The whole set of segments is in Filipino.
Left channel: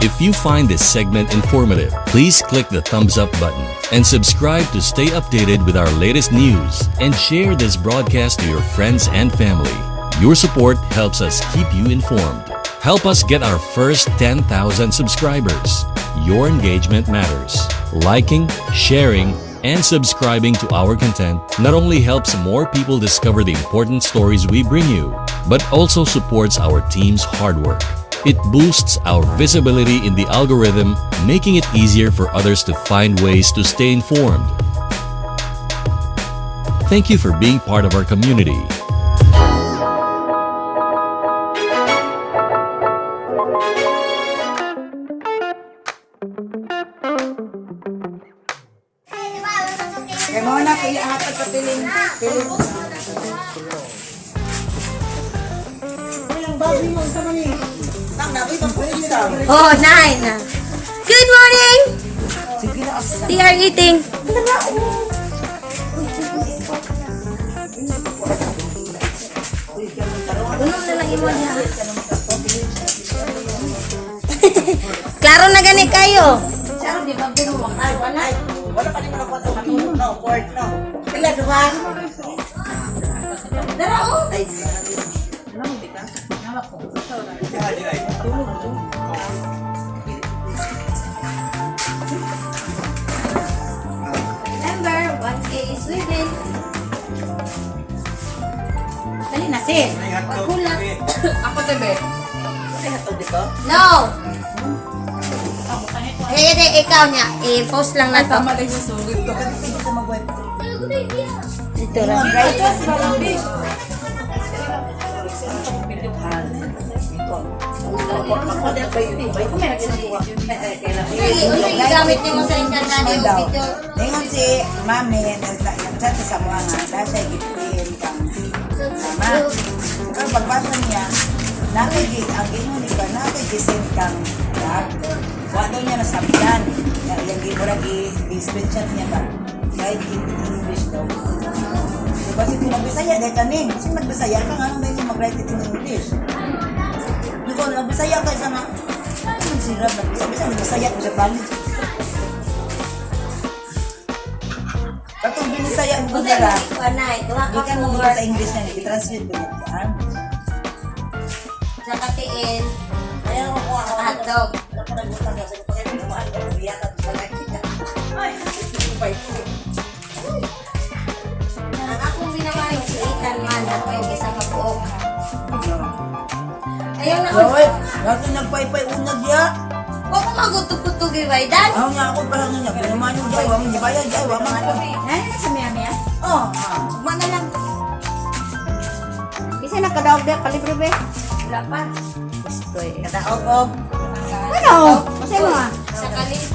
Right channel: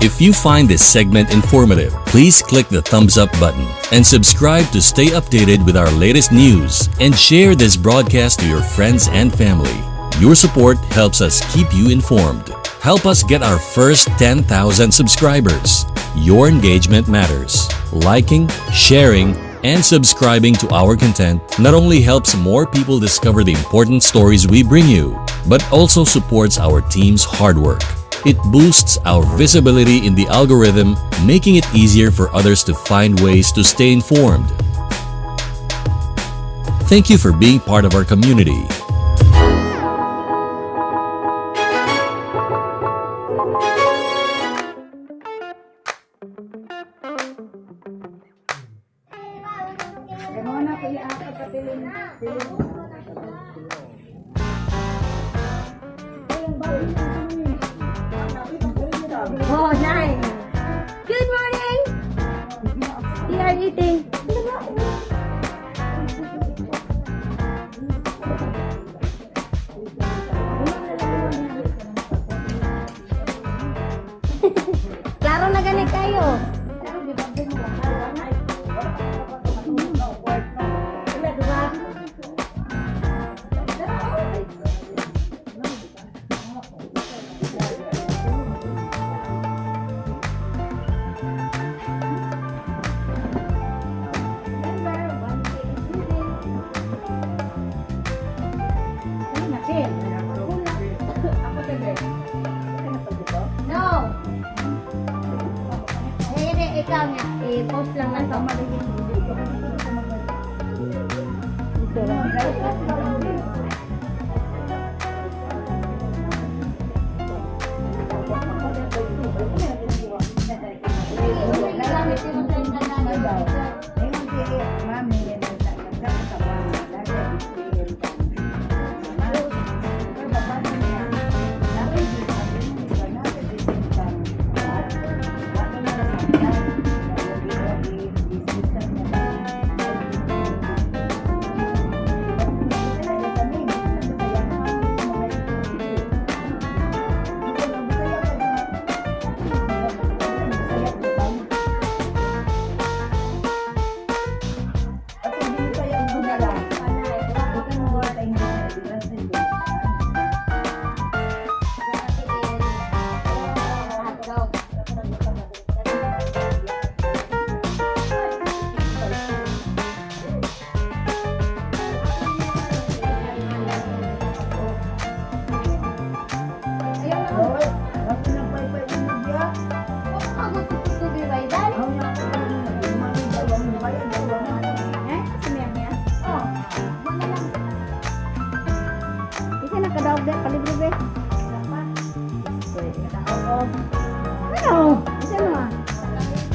If you find this segment informative, please click the thumbs up button and subscribe to stay updated with our latest news and share this broadcast to your friends and family. Your support helps us keep you informed. Help us get our first 10,000 subscribers. Your engagement matters. Liking, sharing, and subscribing to our content not only helps more people discover the important stories we bring you, but also supports our team's hard work. It boosts our visibility in the algorithm, making it easier for others to find ways to stay informed. Thank you for being part of our community. Kaya mo na, kaya apat pa piling. Oh, 9. Good morning! They are eating. Klaro na gani kayo. Wala pa rin ako no, board no. Kailan, diba? Ay, Remember, 1K is within. dali na, sis. Pagkulat. Ako tabi. Ay, hatod dito? No! Ikaw niya. I-post lang na to. Dito lang. Uy, gamit niyo mo sa internet yung video. Ngayon si Mami, nagchat sa mga dahil ang pagbasa niya, nakikita ang inunika, nakikisip kang wano niya nasakyan. Hindi mo lang i-screenshot niya na kahit kasi tulang Bisaya, dahil kami, kasi magbasaya ka nga, medyo mag-write ito ng English. Hindi ko lang, Bisaya ka sa mga, sabi sa Bisaya ko siya kami. Katong Bisaya ang bunara, ikan mo sa English na i-translate mo. Sa katiin. Sa hotdog. Ako hindi naman yung sulitan man. Ako yung isa ka po. Ayaw na ako. Lahat na nagpaypay unag ya. Huwag ko magutuputog yung baydan. Ako nga ako pa nga niya. Lumayan yung bayo. Hindi ba yan? Jawa mga tabi. Sa maya-maya? Oh, mana lang. Isa nakadaog na palibre be. Wala pa. Kadaog-og. Ano? Kasi mo ah. Sa kalit.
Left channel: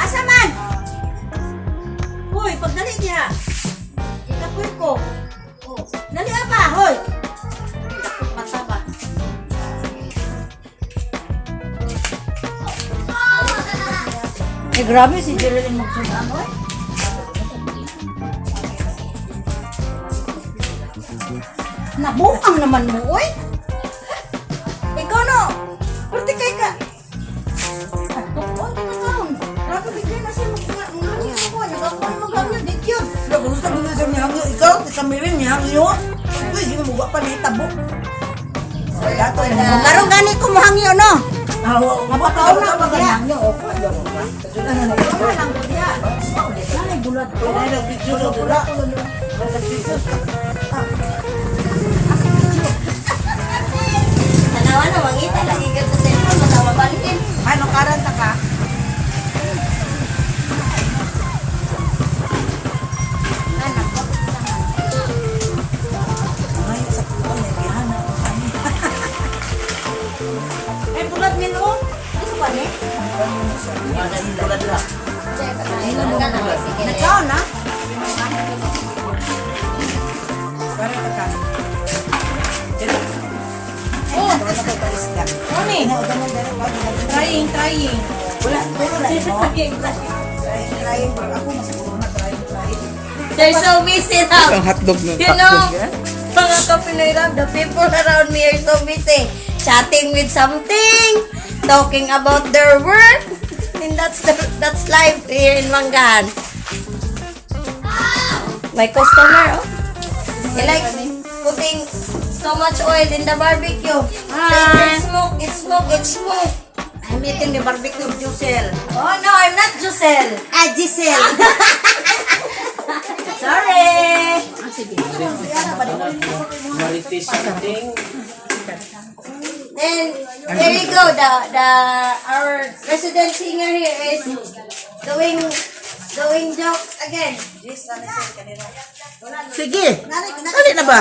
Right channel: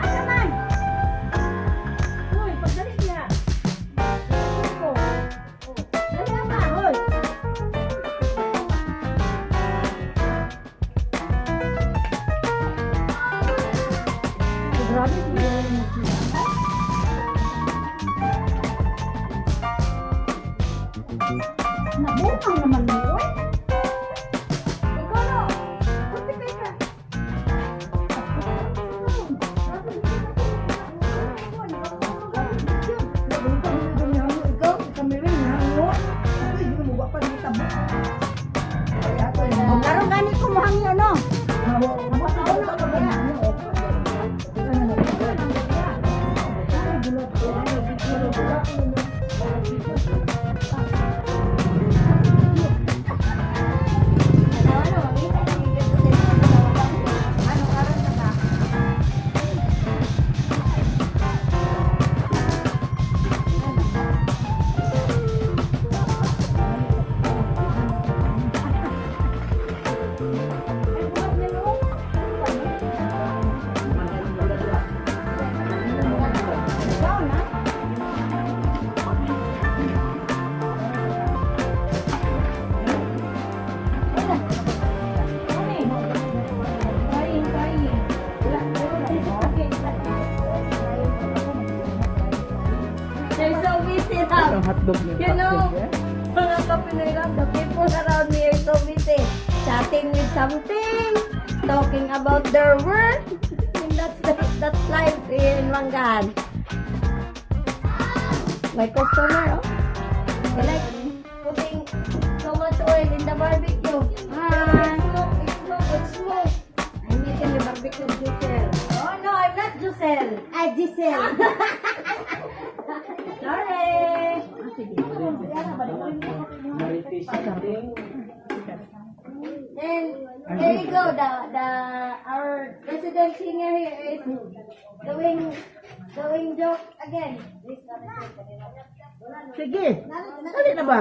Asa man? Hoy, pagdali niya. Itakwil ko. Dali apa, hoy. Grabe si Julian magsunan mo. Nabuang naman mo, oy. Ikaw no. Pati kay ka. Karong gani ko mo hangyo no. Mapataw na ba kaya? Tanawa na mangita lagi ka sa sentro matama balikin. Ano karanta ka? Ay, bulat nilo. Ito pa ni? Nagkaon na? Mami, trying. They're so busy now. Ang hotdog nun. You know, mga mga kapinoy lang. The people around me are so busy. Chatting with something. Talking about their work. And that's life here in Mangahan. My customer, oh. He likes putting so much oil in the barbecue. It's smoke, it's smoke, it's smoke. I'm eating the barbecue of Giselle. Oh no, I'm not Giselle. Giselle. Sorry. And there you go. Our resident singer here is doing jokes again. Sige. Kali na ba?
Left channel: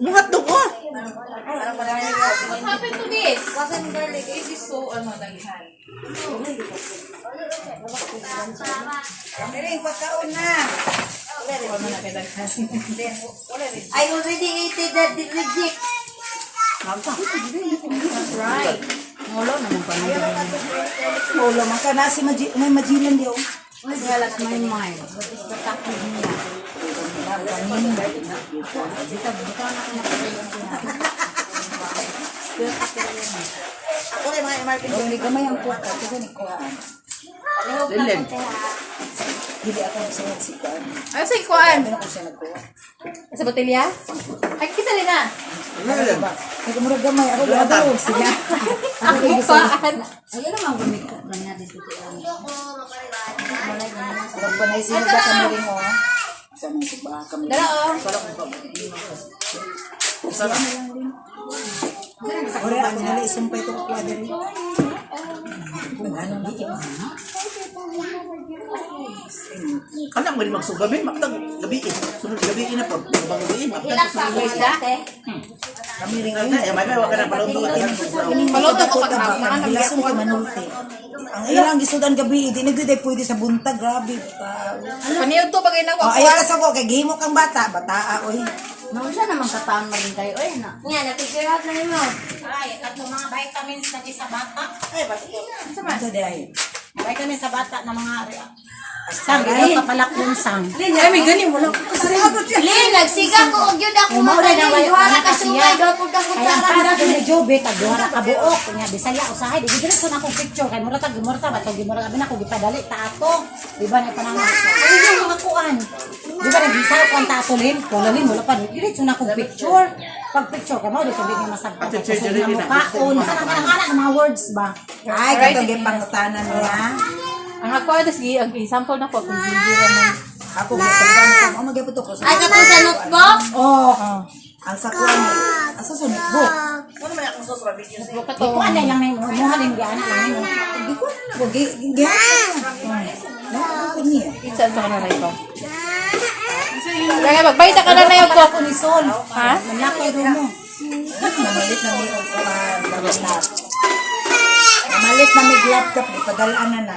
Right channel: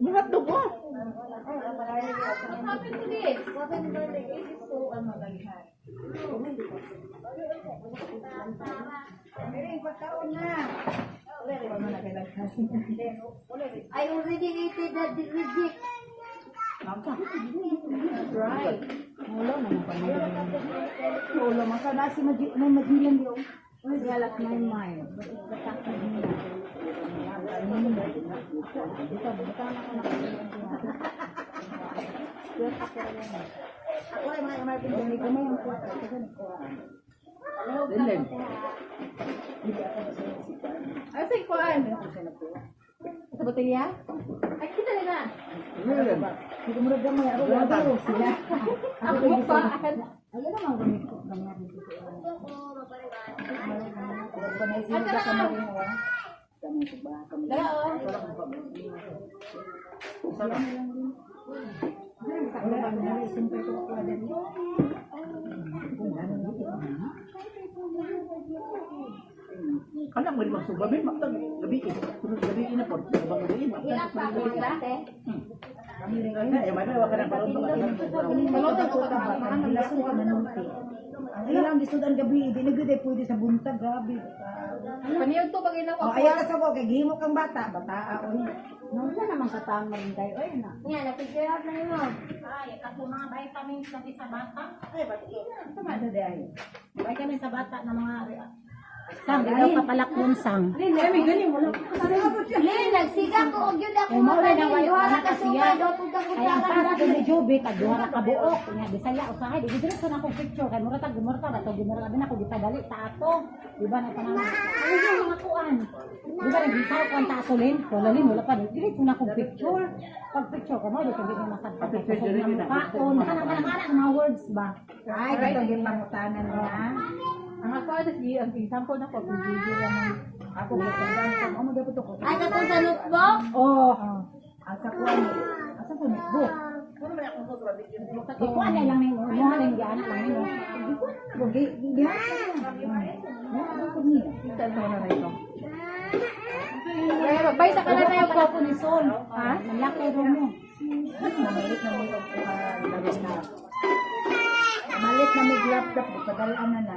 Muhat to ko. What happened to this? Wasn't garlic. It is so daghan. Pagkaon na. I already ate the reject. That's right. Ulo, makana si may majilan di. Ako rin mga MRP hindi ko may ang kuha. Ako ni kuha. Dilen. Hindi ako siya. Ay, sa ikuan. Sa botelya? Ay, kisa rin na. Dilen. Hindi mo gamay ako daw siya. Ang ikuan. Ayan naman gamit ko na niya dito. Pagbanay siya ka kami mo. Dala, oh. Ore ang nali isumpay to ko diri. Anak mo rin magsugabi, magtag gabi sunod gabi na pag gabi Hilak sa ako ate. kami ring aga may wala ka na balong Maluto ko pag Bilason ka manulti. Ang ilang gisudan gabi, di nagday pwede sa buntag, grabe. Kaniyo to bagay na ko. Oh, ayaw sa ko kay gihimo kang bata, bataa oy. Nausa naman kataon maging kayo. Ay, na. Nga, na-figure out na yun mo. Ay, at mga vitamins na sa bata. Ay, bakit? Sa day. Vitamins sa bata na mga Sang ay pala kunsang. Ay, may ganin mo lang. Lin, nagsiga ko og yun ako makaling. Duha ka sumay, daw po ka kutsara. Para kung jobe tag duha ka buok nya Bisaya usahay di dire ko na akong picture kay mura tag mura ta ba tag mura abi na ko gipadali ta ato di ba na panang ay yung mga kuan di ba nagisa ko ang tatulin kulalin wala pa dire na akong picture pag picture ka mo di sabi ni masabta ko sa mga mukhaon kana mga words ba Ay, katong pangutanan niya. Ang ako, ang example na po, kung sigiran mo. Ako gisuldan ko, magyapon to ko. Ay, ka sa notebook? Oh. Ang sakuan mo. Asa sa notebook? ano man akong sa video sa di ko anay lang nang mo halin gyana lang ni Di ko na mo gi. Pizza ito na ito. Kaya magbayta ka na na yung ako ni Sol Ha? nanlaki do mo Namalit na may Namalit na may laptop, padalaan na.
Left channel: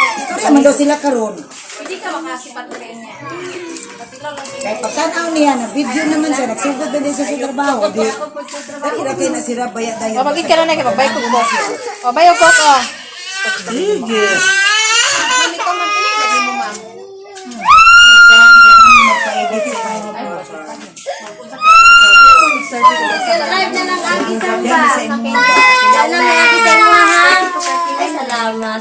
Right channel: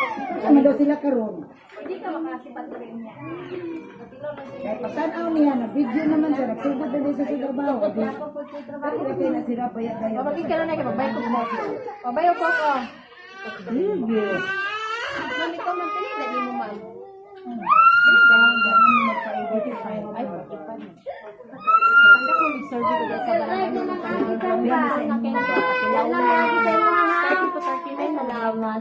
Istorya man daw sila karon. Hindi ka makasipat rin niya. Kaya pagkanaw niya, na video naman siya, nagsugod na din siya sa trabaho. Di, kaya na sila bayat dahil. Mabagin ka na na, magbay ko po. Magbay ko po. sige Mali ko man pinig, lagi mo ma'am. Drive na ng Agi Samba. Yan ang Agi Samba, ha? Ay, salamat.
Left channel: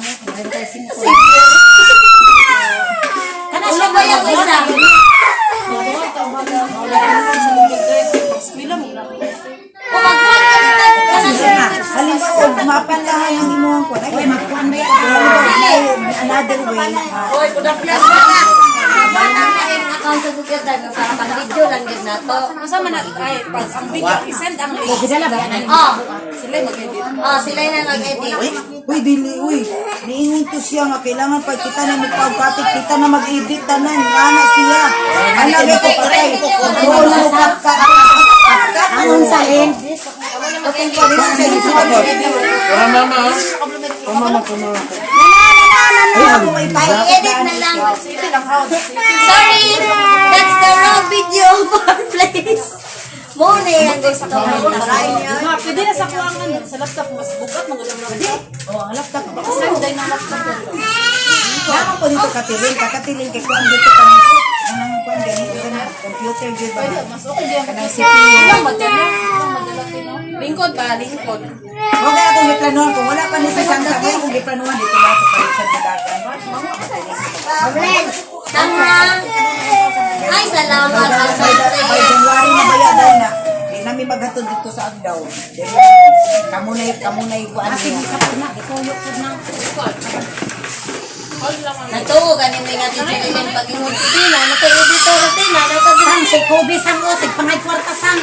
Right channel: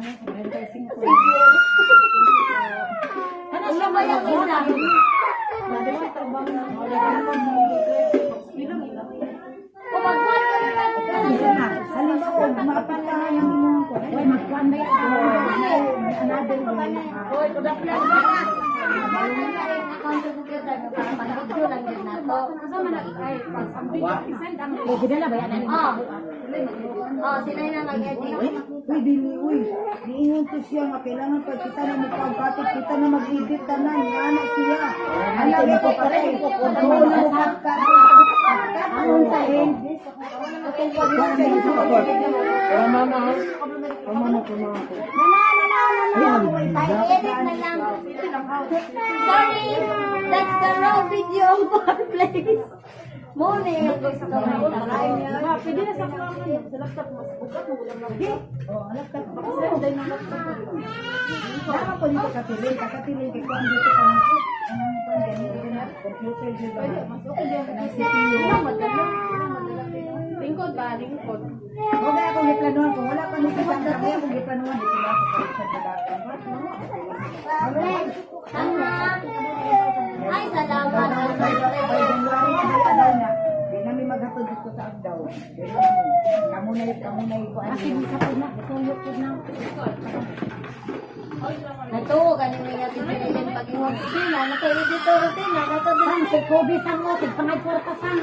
Ulo ba yung isa? Kung magbuhat ka nito, Halimbawa, kumapan lang yung inuang ko. Ay, magkuhan ba yan? Another way. Hoy, kudaplas na ka. Account sa Google Drive para pang video lang yun na to. Kasama na, ay, pag ang video, isend ang gidala ba yan Oh, sila mag-edit. sila na mag-edit. Uy, dili, uy. Niingin to siya nga. Kailangan pa kita na magpagkatit. Kita na mag-edit. Tanan. Wala siya. Alam mo ko kay. Wala sa ka. ang sa end I-edit na lang. Sorry, that's the raw video of our place. Muna yung gusto ko. Pwede na sa kuwangan, sa laptop, mas bukat mo gusto mo. Oh, ang laptop. Send tayo ng laptop. Kailangan ko dito katiling. Kakatiling kay kuhan dito kami. Anong kuhan ganito na. Computer good ba? Mas okay diyan ka Kanang kasi. CPU. Ilang madala. Lingkod ba? Lingkod. Huwag na itong giplanuhan. Kung wala pa ni sa isang sabi, kung giplanuhan, dito lang sa palitan sa dagat. Tama. Ay, salamat. Ang Ay, sorry. January na baya daw na. Di namin maghatod dito sa Agdaw. Kamunay ko ano Kasi yan. isa po na, ituyo po na. Natuo ganin may nga teacher din pag-ingod na nakay editor din na Sang, si Kobe sang o, si pangay kwarta sang.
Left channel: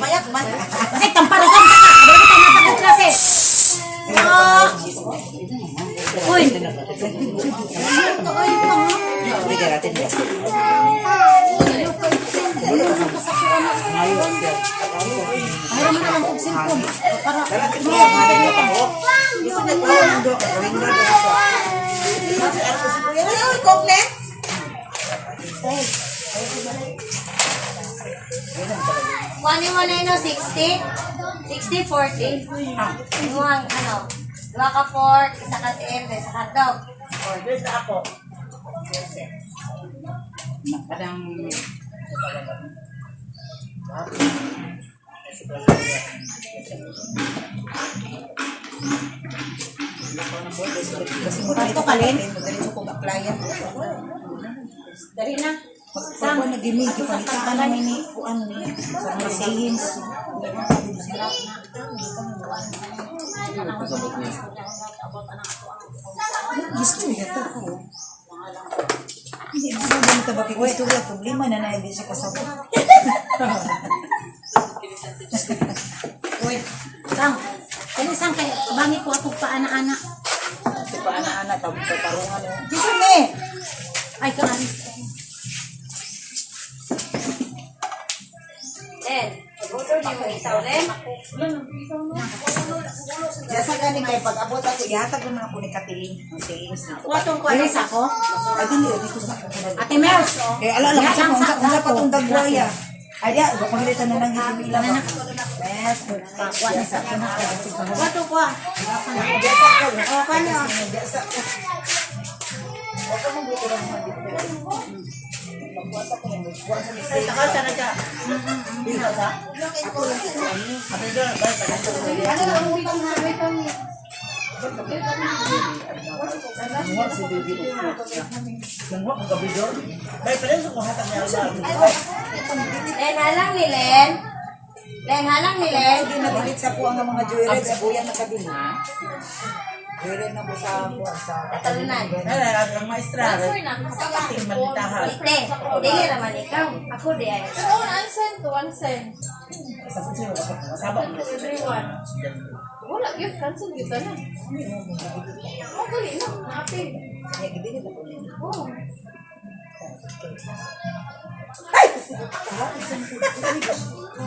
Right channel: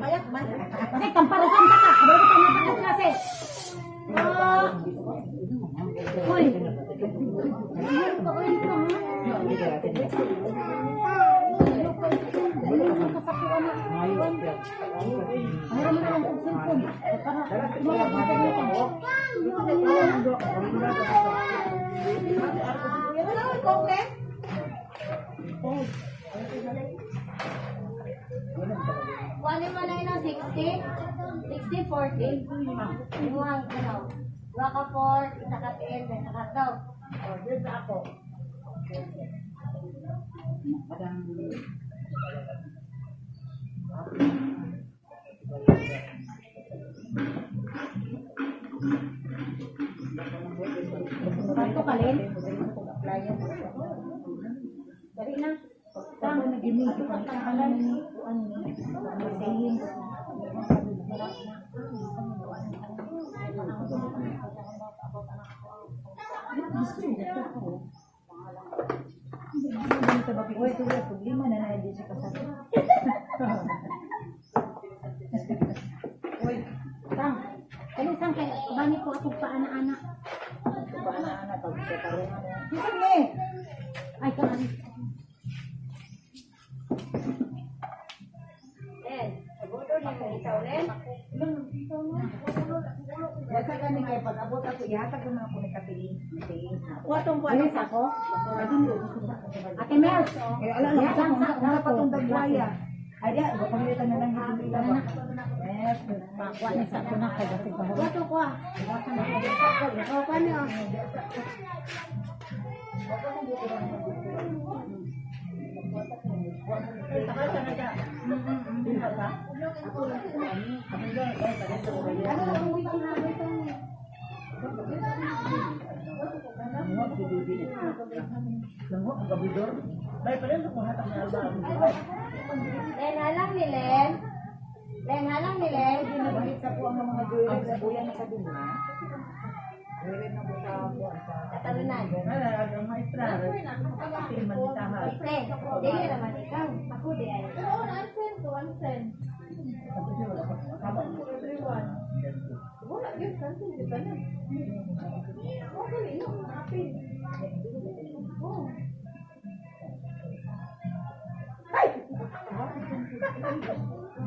Payak man. Kasi tamparasan ka ka. Dali ka na sa klase. Uy. Bigyan natin yan. Mayroon mo na lang kong cellphone. Para Kuha mo na yun, 60? 60, 40. Yung ano, 2 ka fork, isa ka tail, isa ka dog. Ito kalin. Diretso ko ka-client. Dali na. Saan mo nag-imig? Ipalitan ka namin ni Kuan ni sa mga sayings. Gusto niya ito ko. Hindi gusto niya ito. Bakit gusto niya? Problema na na hindi siya kasabot. Uy. Sang. Kani sang kay bangi ko ako paana-ana. Paana-ana, tawag sa parungan. Gusto niya! Ay kan. Then, pag-motor niyo yung isaw din. Diyan sa ganing kayo, pag-abot ako, ihatag naman ako ni Katiling. Ang sayings na. Kuwatong kuwalis ako. Ay, hindi, hindi ko sa Ate Mers. Eh, alala ko sa unsa pa itong dagwaya. Ay, diya, pagpagalitan na lang yung pila ba? Yes. Kuwa na sa kuna kay dito. Kuwatong kuwa. O kanyo. Len, halang ni Len. Len, halang ni Len. Hindi nabilit sa po ang mga jewelry sa buya na kabili. Jewelry na po sa Katalunan. Ang maestra. Malitahan. Ite, hindi naman ikaw. Ako di ay. So, 1 cent to 1 cent. Everyone. Wala, yun. Cancel yun na. Okay na. Happy. Oh.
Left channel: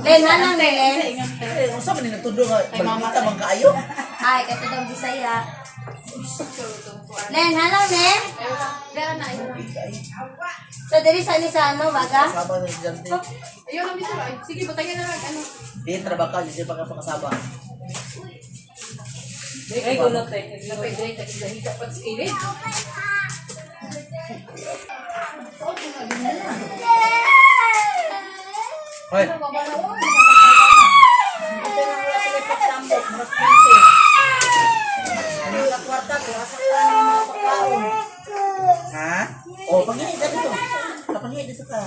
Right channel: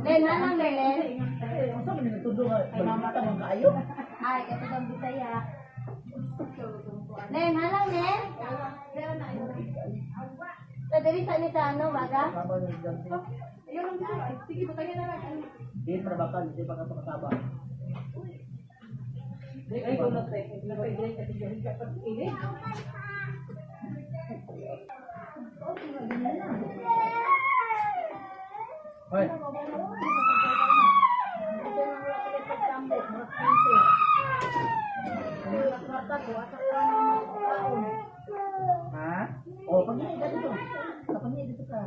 Len, halang ni Len. Kung saan man nagtundo nga, balita bang kaayo? Ay, katutong Bisaya. Len, halang Len. Kaya na, ayun. So, diri sa ni sa ano, baga? Kasama na dyan. Ayun ang bitaro. Ay, sige, batayin na lang. Ano? Di trabaho ka, di pa ka pakasama. Ay, gulot eh. Napay dahil tagigahiga pa sa ilid. Hoy, ha? Oh, panghingi ka dito. Panghingi dito ka.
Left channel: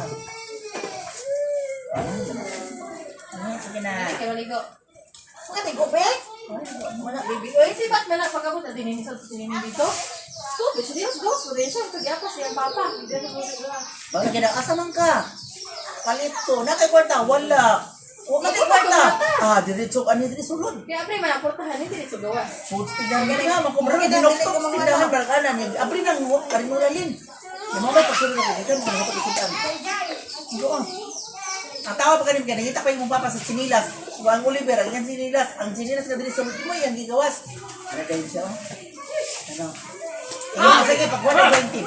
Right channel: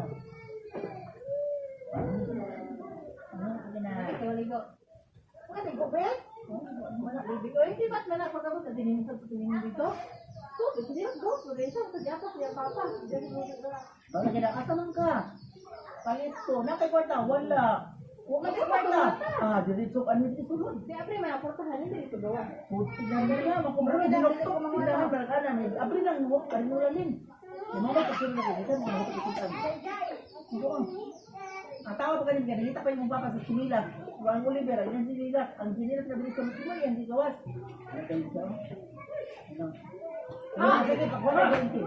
Sige na. Kaya maligo. Kati ko, be? Wala, baby. Uy, si Bat na lang pagkabot na dinin sa tinin dito. So, bitch, Dios, go. So, din siya. Kaya siya papa. Hindi na mo sila. Bakit ka na? Asa man ka? Palito. Nakay kwarta. Wala. Huwag ka kay kwarta. Ah, diretso. Ano yung sulod? Kaya, pre, manaportahan. Hindi dito gawas. Food tindahan nga. Makumara ka. Dinoktok sa tindahan. Barakanan. Abri nang huwag. Karimula yun. Yung mga may pagsulod na dito. Mga pagsulitan. Ito ah. Ang tawa pa kanina, nakita pa yung papa sa sinilas. Ang Oliver, ang sinilas. Ang sinilas ka dito sa mo yung gigawas. Ano kayo siya? Ano? Ano sige, pag 120, 20.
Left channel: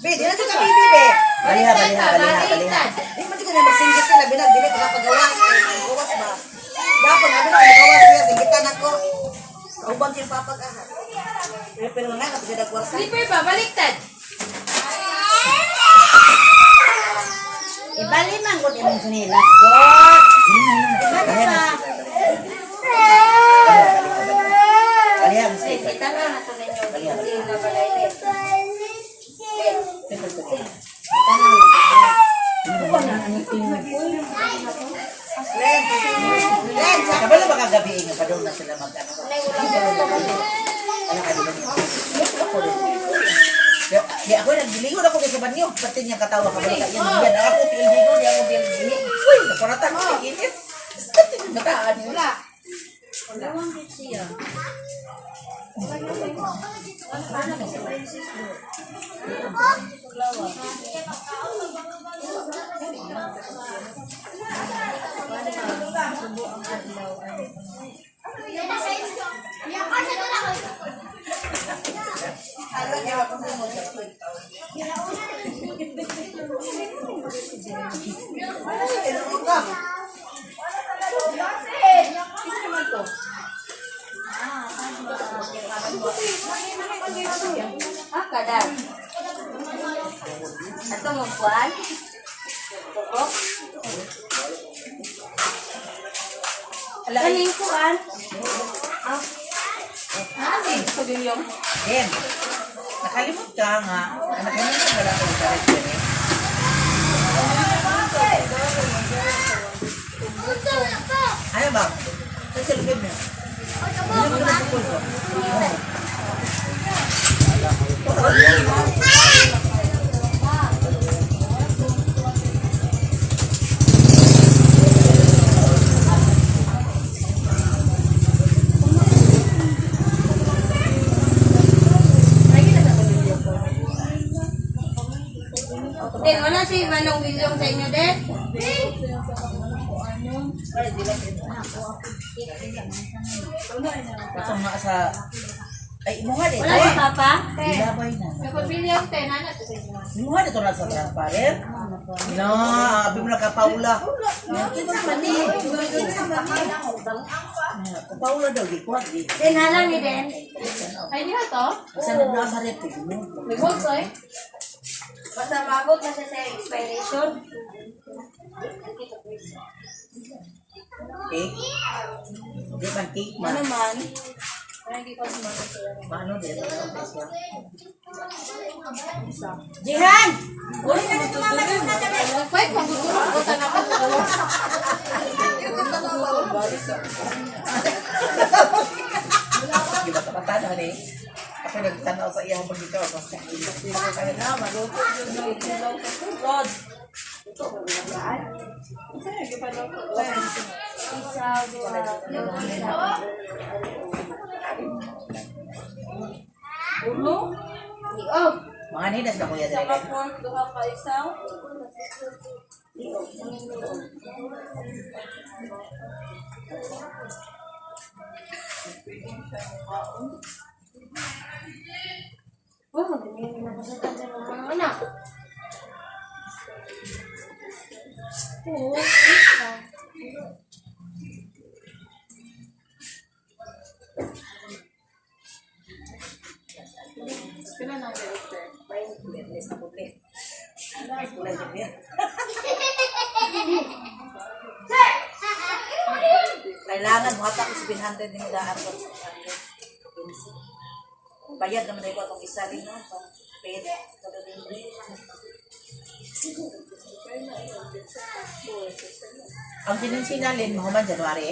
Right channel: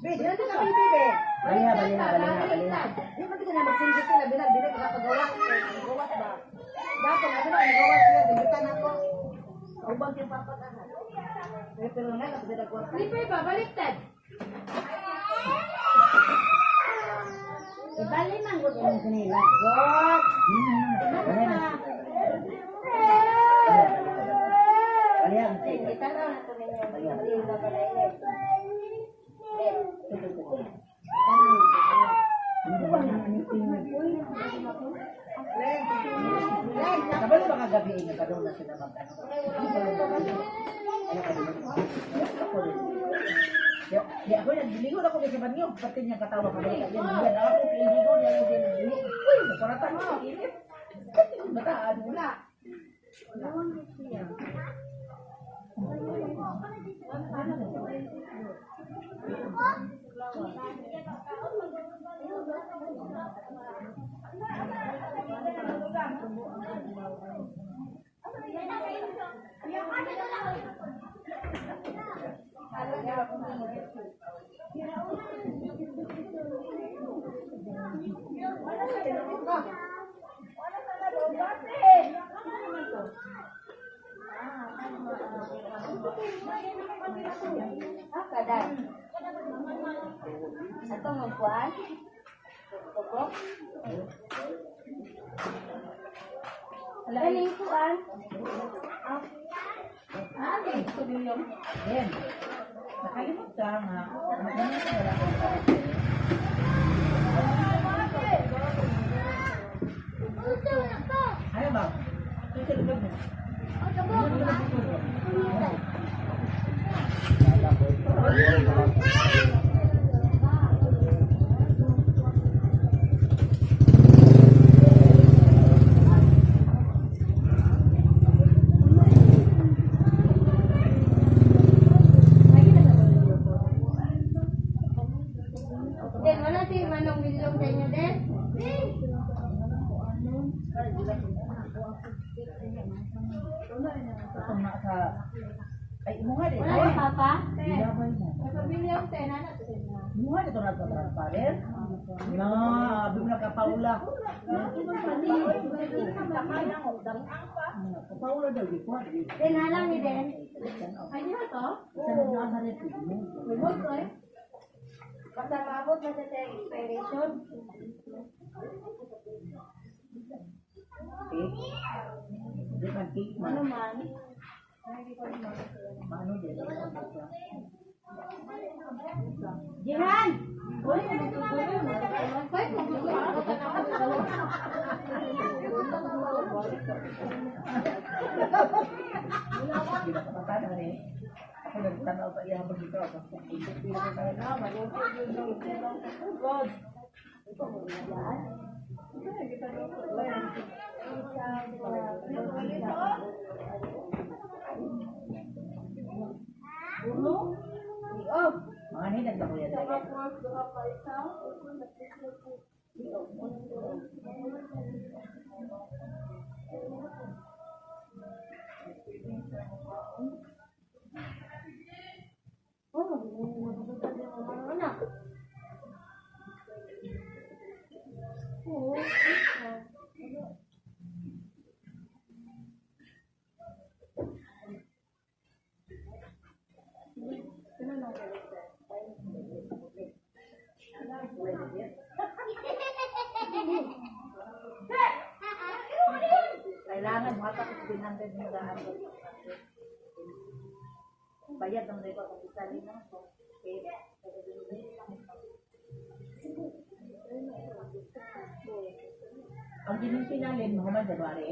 Be, di na ito ka, bibi, be. Baliha. Di mo di ka na magsinggas ka na, binag, di na ka napagawas. Gawas ba? Kapag ano na, gawas siya, singitan ako. Ubang siya papag-aha. Pero nga, kasi siya nagwarsa. Slipper ba? Baliktad. Ibaliman ko din ang sunilas. God! Ano ba? Alihan, Kita na nato ninyo. Hindi na balay. Kabalo ba kagabiin yung padong na sila mag-ano? Di ako naglilingon ako sa banyo. Pati niya katawa ka. Yan ako piniligo niya ako piniligo. Uy, naparatan ko ang init. Mataan yun. Kadar. Ato mo kuan? Tubok? Kaling kuan? Then, nakalimot ka nga. Nakalimot ka lang ako sa restaurant. Ano ba? Sa silbid mo. Din, wala si Manong William sa inyo, din? Ito nga sa... Ay, imuha din. Wala si Papa? Ilabay na. William, tenana. Imuha dito na sa transparent. No, abi mo na ka Paula. Paula daw, di kuha. Din, halang ni Den. Ay, di to? Kasi nagdaan sa rep. Limog, soy. Basta mabot na siya sa expiration. Cake? Di man cake man. Ano man? Paano din? Jihan! Uli na dito mama doon na tabi. Wait, maguturo ko sa naman. Di ba kapatano ni? Ako nagtanaw sa iyang pagkikaw. Basta hindi na kaya na. Maluto yun na itilaw sa tubod. Ulo? Oh, Mga ninas na kuya saka dali. pork, duha ka isaw. Oh, magaling na kasi tayo ng mga anak. Kailangan mga tapos 100 din daan ko. Bayad naman tayo itong isa rin. No? So, paid. Ang sinalin mo man January.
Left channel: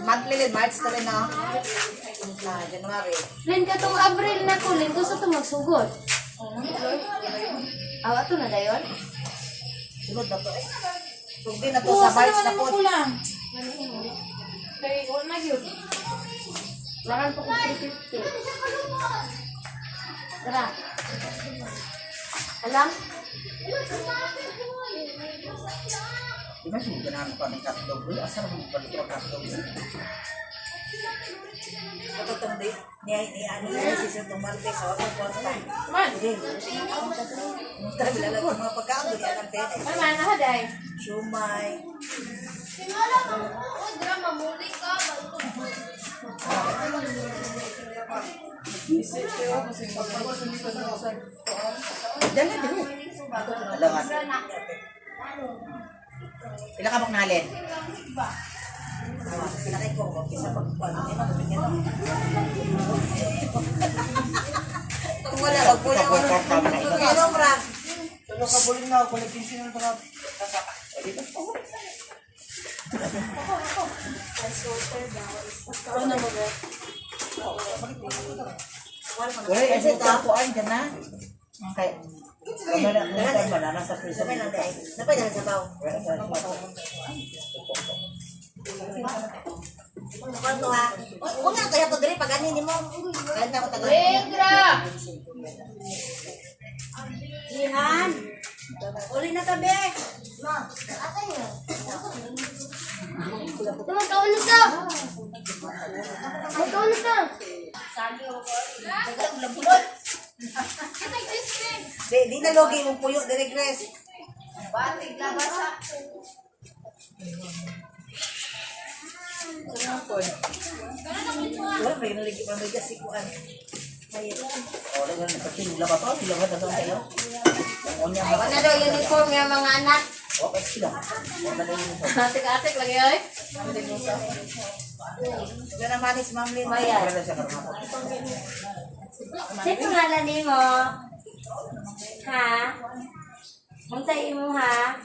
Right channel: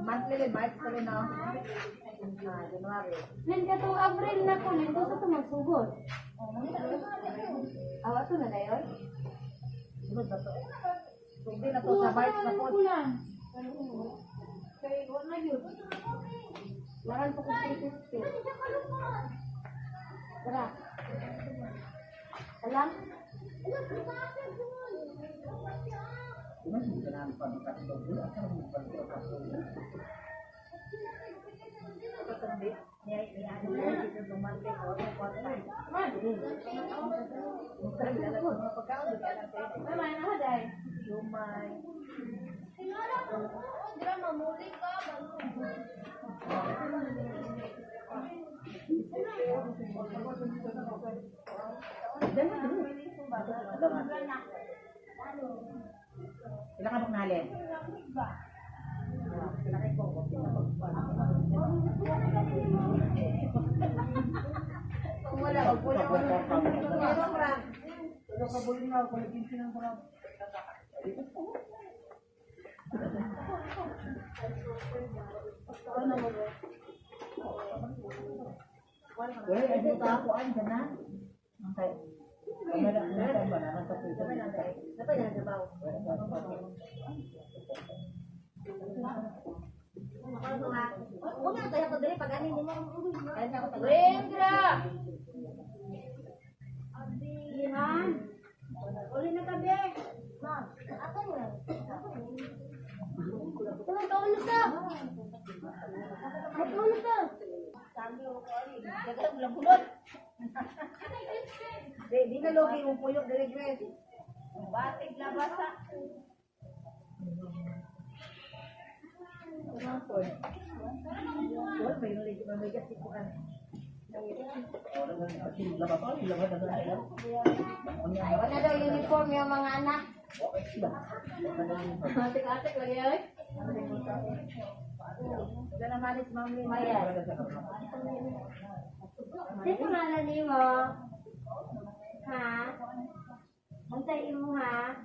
Monthly din, March ka rin na. January. Lin ka tong April na ko, Lin gusto to magsugod. Awa to na dayon? Sunod na to. Tugdi na to sa March na po. Kaya, wala na yun. Laran po ko 350. Tara. Alam? Di ba siya ganaan pa ng tatlo? Asa naman balik ko tatlo? Ito itong ni Ani si Sintong Martes. So, ako po ang time. Man, Mutra, bilalag ko mga pagkaon. Di akan pwede. ay man, nahaday. Shumay. Dali, dali. Dalawa. Pila ka mong nalin? Pinakay ko. Isa pagpuan. Wala, wagpula ko. Ano, pra? Tulog ka buling na. Kulit yung sinang tarap. Wala, kasi tapuan ka na. Okay. Banana sa prison. Dapat na sa baw. Kanto ha. Huwag nga kaya to dali pag ani nimo. Kahit ako tagal. Ihan. Uli na tabi. Ma, atay mo. Magkaulit ka. Magkaulit ka. Sabi ako ko. Tagal labulot. Di na logi mong puyo dire Grace. Batig labasa. Wala, may naligi pa may kasikuan. Wala nga nagpatinula pa pa. Sila nga dagang kayo. Wala daw uniform yung mga anak. Okay sila. Atik-atik lagi ay. Wala na manis Ma'am Lynn. Mayan. Wala siya karma. Sino ngalan ni mo? Ha? Muntay mo ha?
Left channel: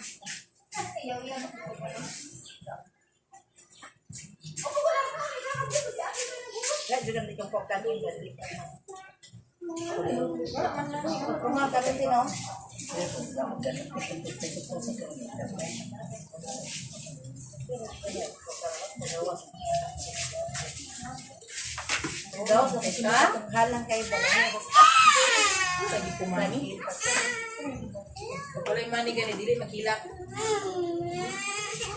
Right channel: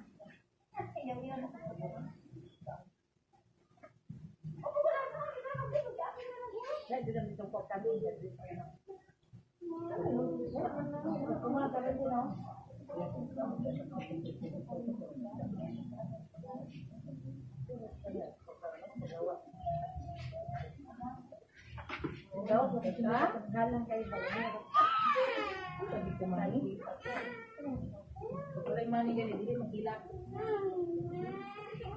Ya, juga di jongkok tadi. Rumah kalian sih, no? Halang kayo ba? Sabi ko mani. Wala yung mani gani. Dili makilap.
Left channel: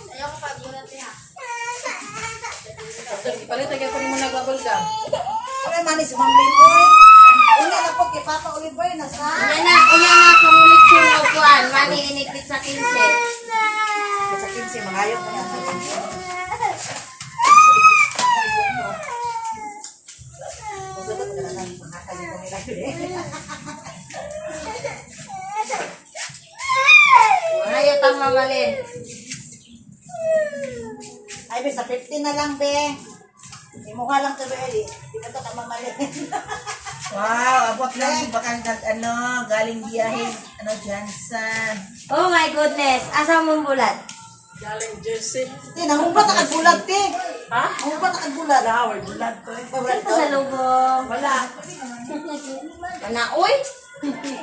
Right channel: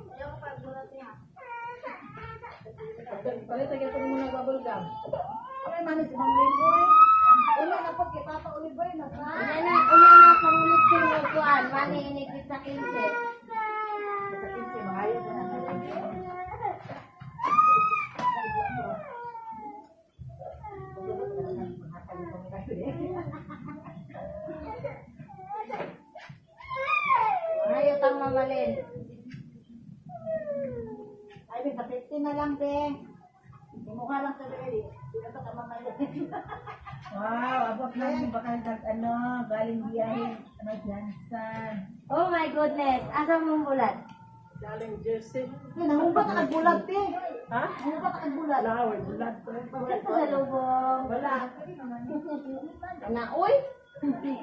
Ayaw ko pag-gulat niya. Palit lagi ako rin mo nagbabal ka. Ano manis Ma'am Lynn? Uy, una na po kay Papa Oliver na sa. Una na kumulit yung upuan. Mani inikit sa 15. Sa 15, mangayaw ko na sa 15. Ayot ang mamalin. Ay, be, sa 15 na lang, be. May mukha lang to, be. Di ka to ka mamalin. Wow, abot lang bakal ano, galing biyahe, ano, Jansan. Oh my goodness. Asa mong bulat? Galing Jersey. Te, nangumpat ang bulat, te. Ha? Nangumpat ang bulat. Flower, bulat to. Ito sa lubong. Wala. Manaoy.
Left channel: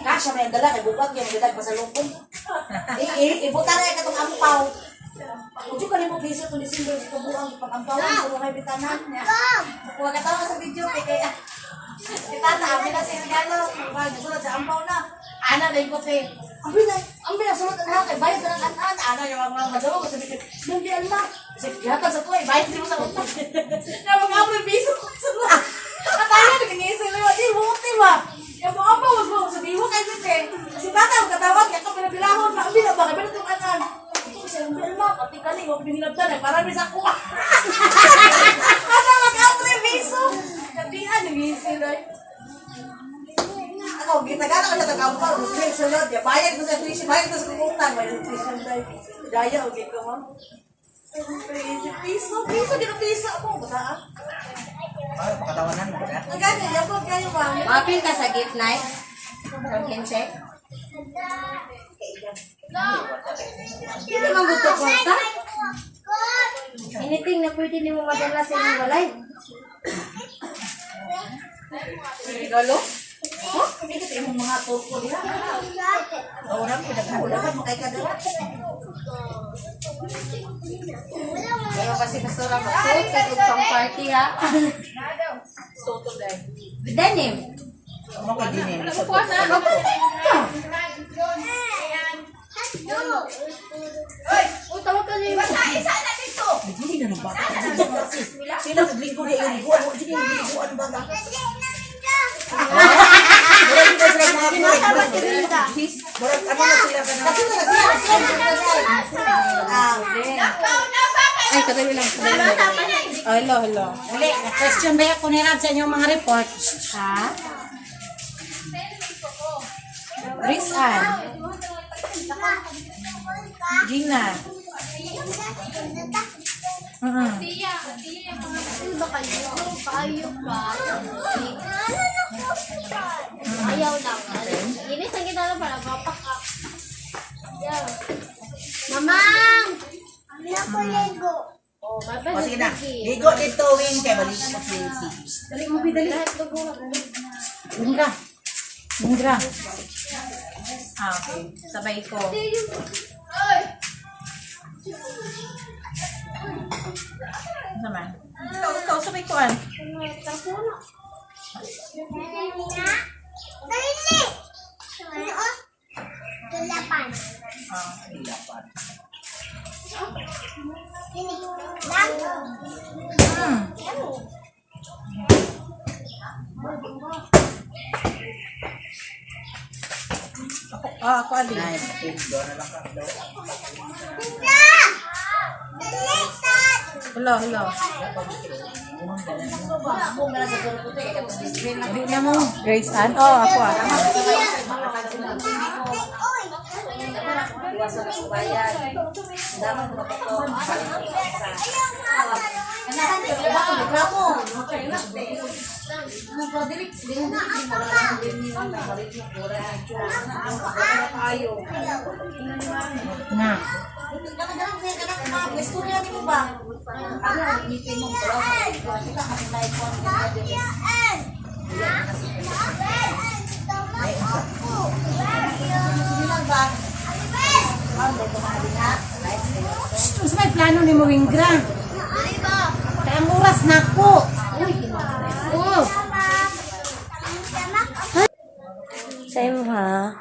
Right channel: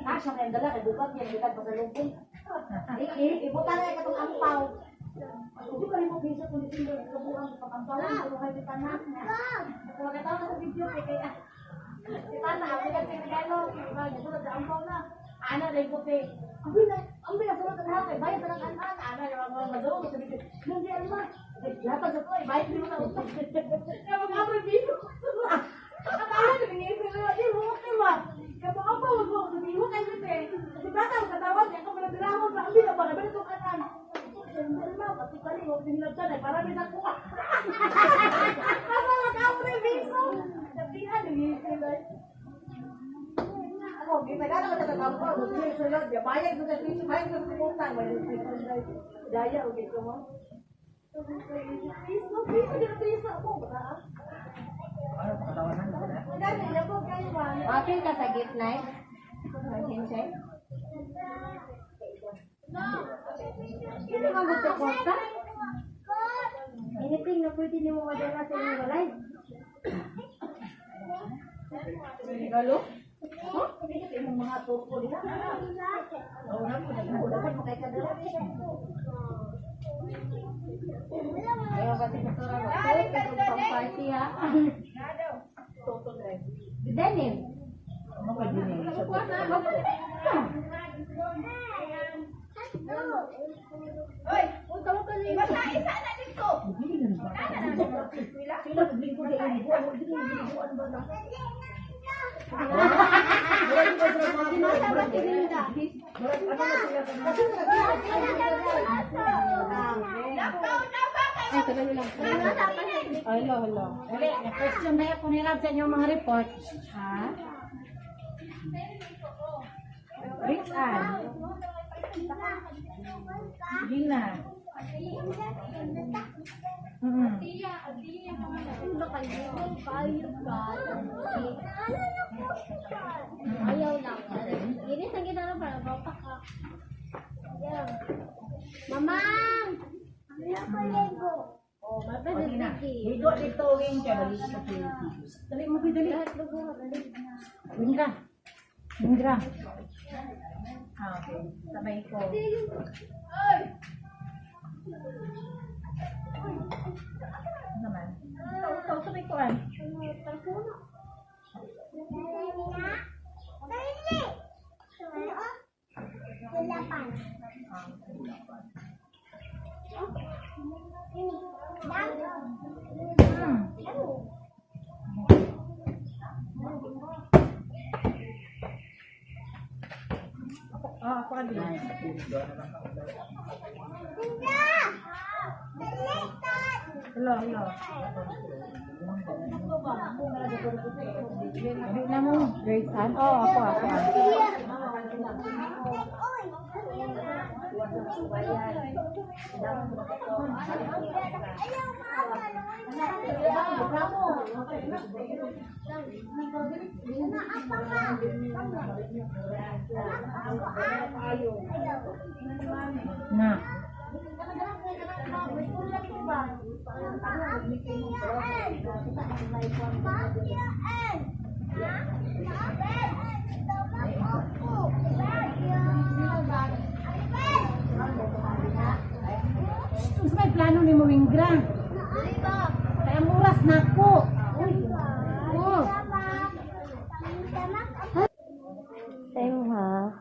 Kasya na yung dala, kay bukat yung bilag pa sa lupong. Ibuta na yung katong ampaw. Ujo ka rin mo biso kung December sa kabuang ipag-ampaw ang mga kay bitanan. Huwag ka tawa ka sa video kay kaya. Bitana, amin na si Gano. Magsulat sa ampaw na. Ana na ikot eh. Ang binasulat na kay bayad na ng anan. Ana yung mga madalo ko sabi ko, sinambihan ma. Kasi kiyata sa tuwa, bayad din mo sa utang. Na mga apoy biso ko sa tuwa. Kataya, nagkingisi mo, di buti ba? Yung mga apaw, mo sabi mo kay Sinte. Si Tata, magkatawag, kaya ka pinabilahon, maambila ba, kaya binatong anan. Sinambihan ma, pati ka rin, huwag binilabdan eh, parang bisa kuha. Asa mag-apoy biso? Sabihan, nagingisi na eh. Ako, gitagana ka sa tagampal, gusto niya isunod, bayad mo sa tuition, bayad mo sa kumuntan, may tuition tayo. Daya, okay ka ma. Piso, piso ako, bataan. Ay, pakatawanan mo na. Nagani, yabog kayo ma. Mapil ka sa gift night? From 15? Hindi naman gusto kwarta. Anything na pwede ni mo madala sa inyong walay. Regalo? Ikit yung mga turko diha. Orang pinagkakulakan mo kay kadala. Ayaw kasi basura mag-suot sa pang party ha. Soto dahil. Denim. Ano ka din eh? Uy, tawag ka niyo. Hindi na bata. Sino naglinggo na yung liguan? Huwag din yung liguan ba na? Tinatabad ka rin ka. Murag ano na sila ka na? Kasi na siya. sarili lang. Oh, hello, hello. Dali, question ba ako ni Rab sa inyong mga report? Ha? Rizal. Gina. Ayaw lang. Ini sa kita lang para bapak ka. Ayaw. Mamang! Ano ko Lego? Oh, O sige na. Ligo dito, Win. Kaya balik mo sa Tracy. Dali mo, dali. Lahat lugo. Lindra. Lindra. Ah, okay. Sabay ko. Naman. Ikaw, sabay ko an. Dali! Ano? Tulapan. Ah, ilapan. Ini. Lang. Ah, ako alin. Hello, hello. Dali na mo. Grace Ann? Oh, ako ah. Na. Tapos may plano ni mo, Wingra. Kaya ang oras na ko. Oh. Sa'yo ha?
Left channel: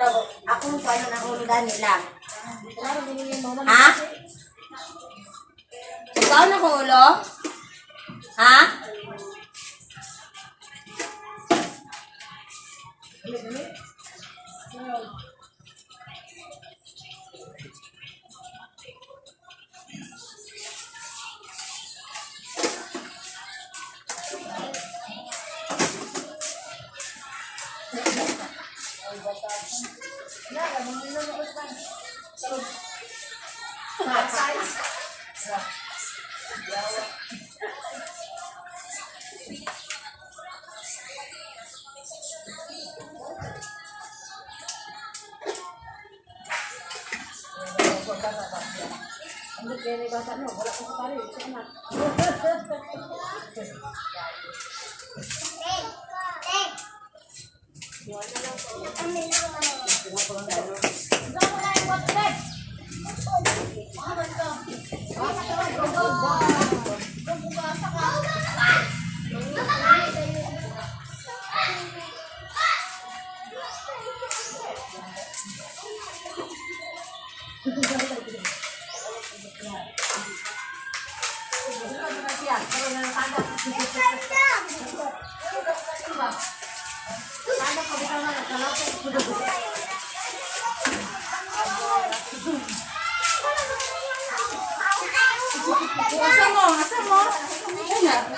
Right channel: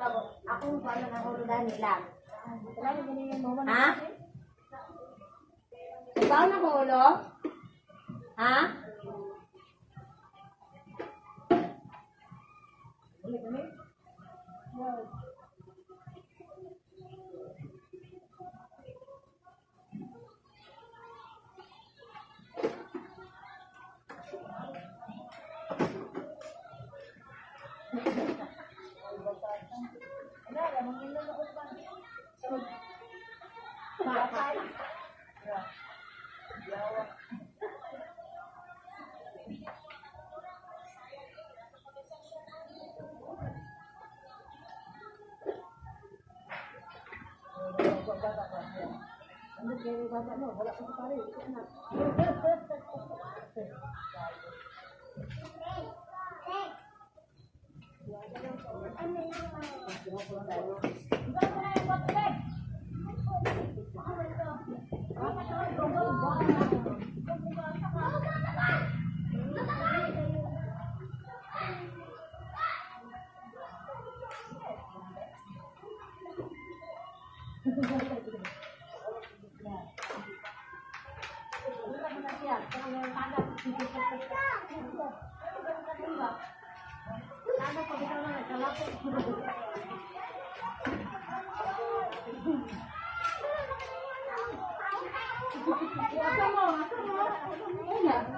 So, akong paano nahulugan nila? Ha? Ikaw nahulo? Ha?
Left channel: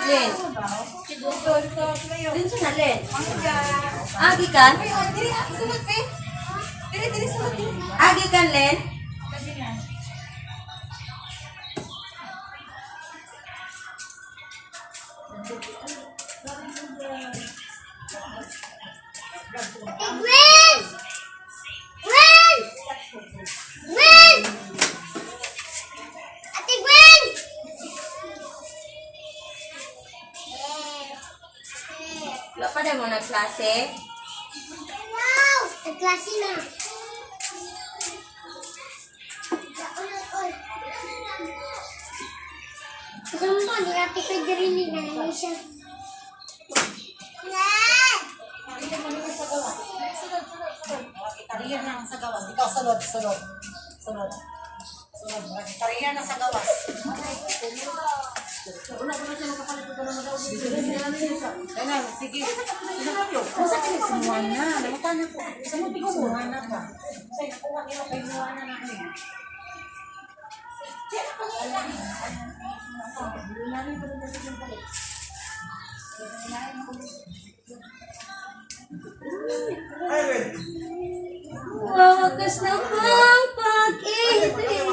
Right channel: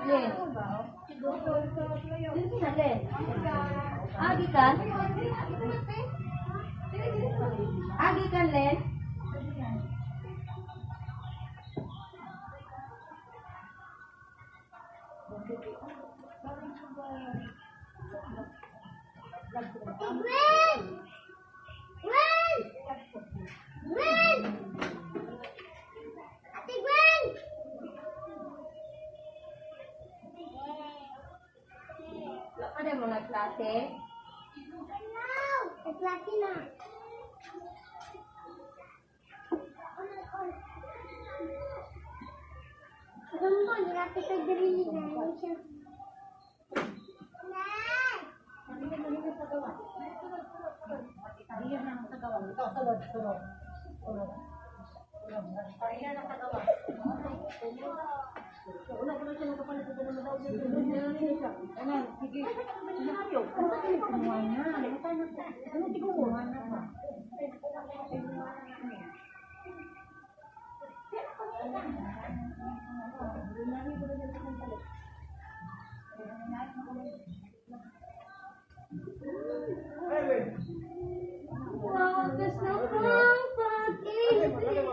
Len. Din sa Len. Agi kan? Agi kan Len? Wala pa na mo nagklase? Klase na. Alam mo, ni Ate Pedrini na hindi siya. Kariyan na sa gawas. Ikaw sulod. Sulod. Kariyan na sa gawas. Kaya sige. Masa ka nagsimuha na? Lamutan na po. Samuti ko mo. Simuha na ba? Say, nakuha nila kayo simuha na namin. Wawakas na ang pag-ibig.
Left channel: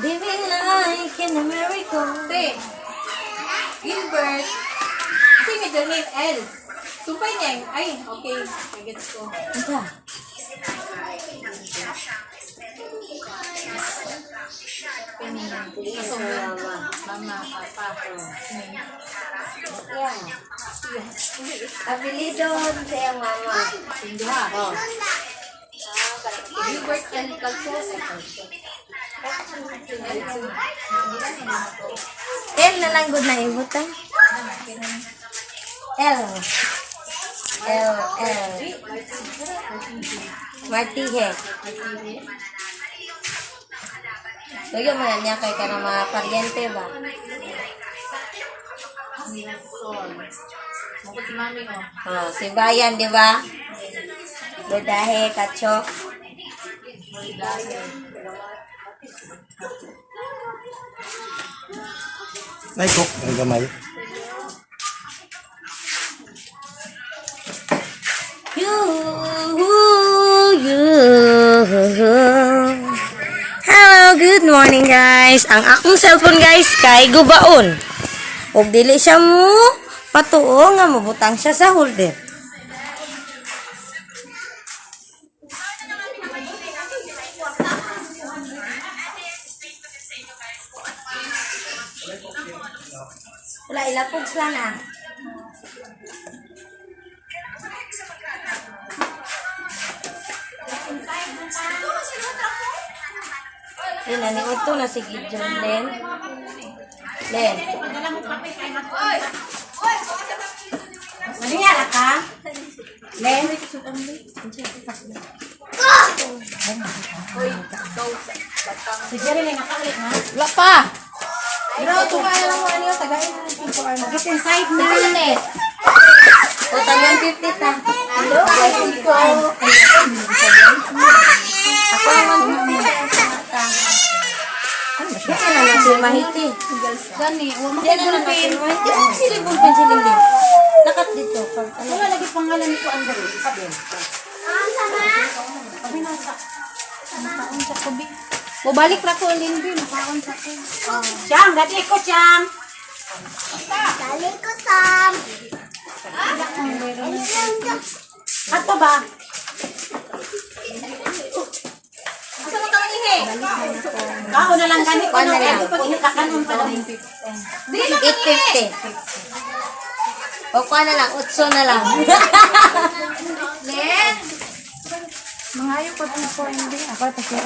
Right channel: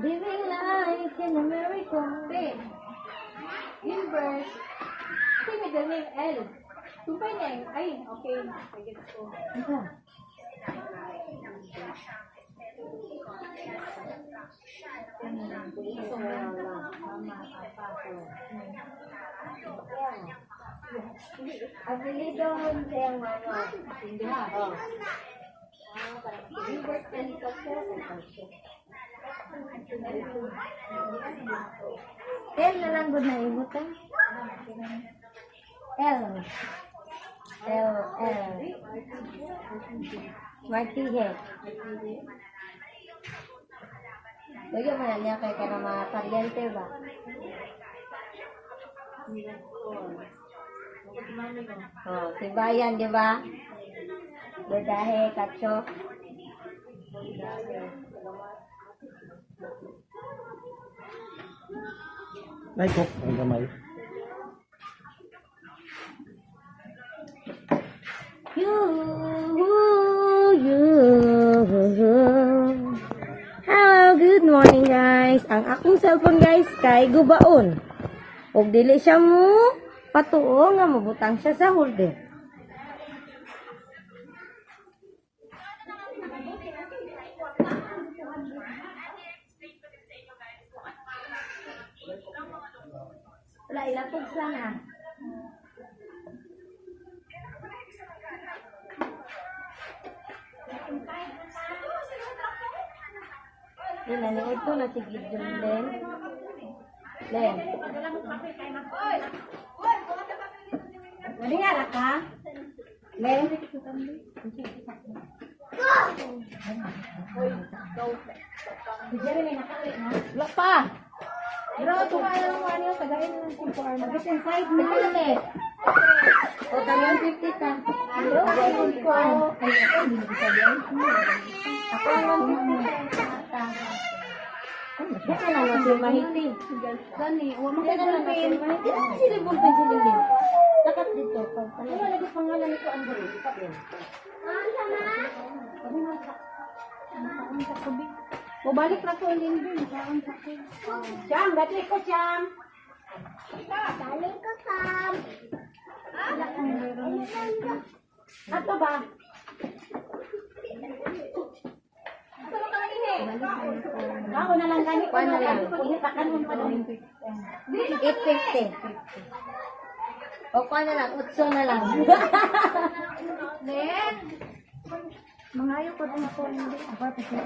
Living like in America. Te, Gilbert. Kasi middle name L. Tupay niya. Ay, okay. I gets ko. Ika. Apelido sa iyong mama. Gilbert L. Calcus. L na lang good na ibutan. L. Martihe. Lagyan mo na niya kay ka ng mga paryente ba? Oh, si Bayan, di ba? Bedahe, kachok. Nay, cook ang gamay. Hello, good morning guys. Ang akong cellphone guys kay gubaon. Og dili siya mo patuo nga mabutang siya sa holder. Wala ilapog sana. Naniod to na si Gideon, Len. Len. Manihala ka? Len. Sige rin nga kalit na. Wala pa. Bro, tumaya lang mo niyo. Tagayin mo ng 5 hours. Get inside na. Ulit. O, tangan 50 ta. Ako ang Ito na lang si Mahiti. Gani, huwag mo Yan na lang si Mahiti. Ano si Libong Pensiling din? Nakat dito. Wala lagi pangalan nito ang garo. Sabi. O balik na ko Lindy. Makaon sa ko. Siyang, dati ko siyang. Dali ko, Sam. Ato ba? Asa mo tawag ni? Kao na lang ganit. Kuha na lang. Kakanon pa lang. 850. O, kuha na lang. 8 na lang. Len! Mga ayaw ko din po, hindi. Ako ito siya.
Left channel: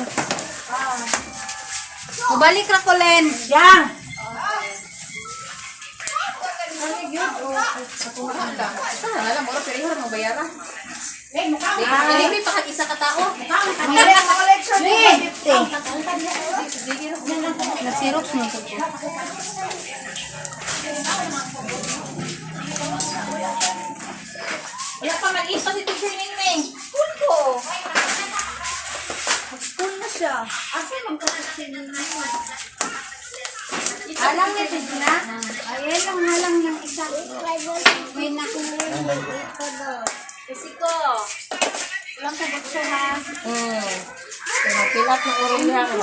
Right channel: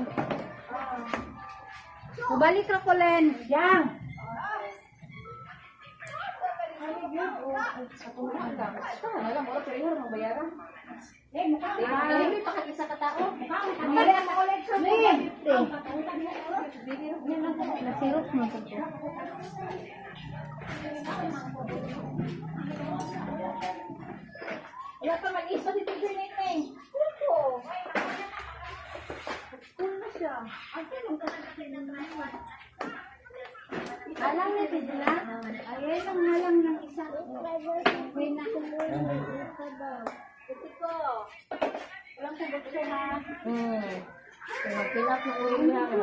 Mabalik na ko, Len. Yang. Hindi pa isa ka tao. Nasirox mo ito. Wala pa mag-isa si Teacher Ningning. School ko. School na siya. Asa magkakasin na naman. Alam ni Tigna? Ayan lang na lang ng isa. May Kasi ko. Walang sagot siya ha. Pilap na urin na ako.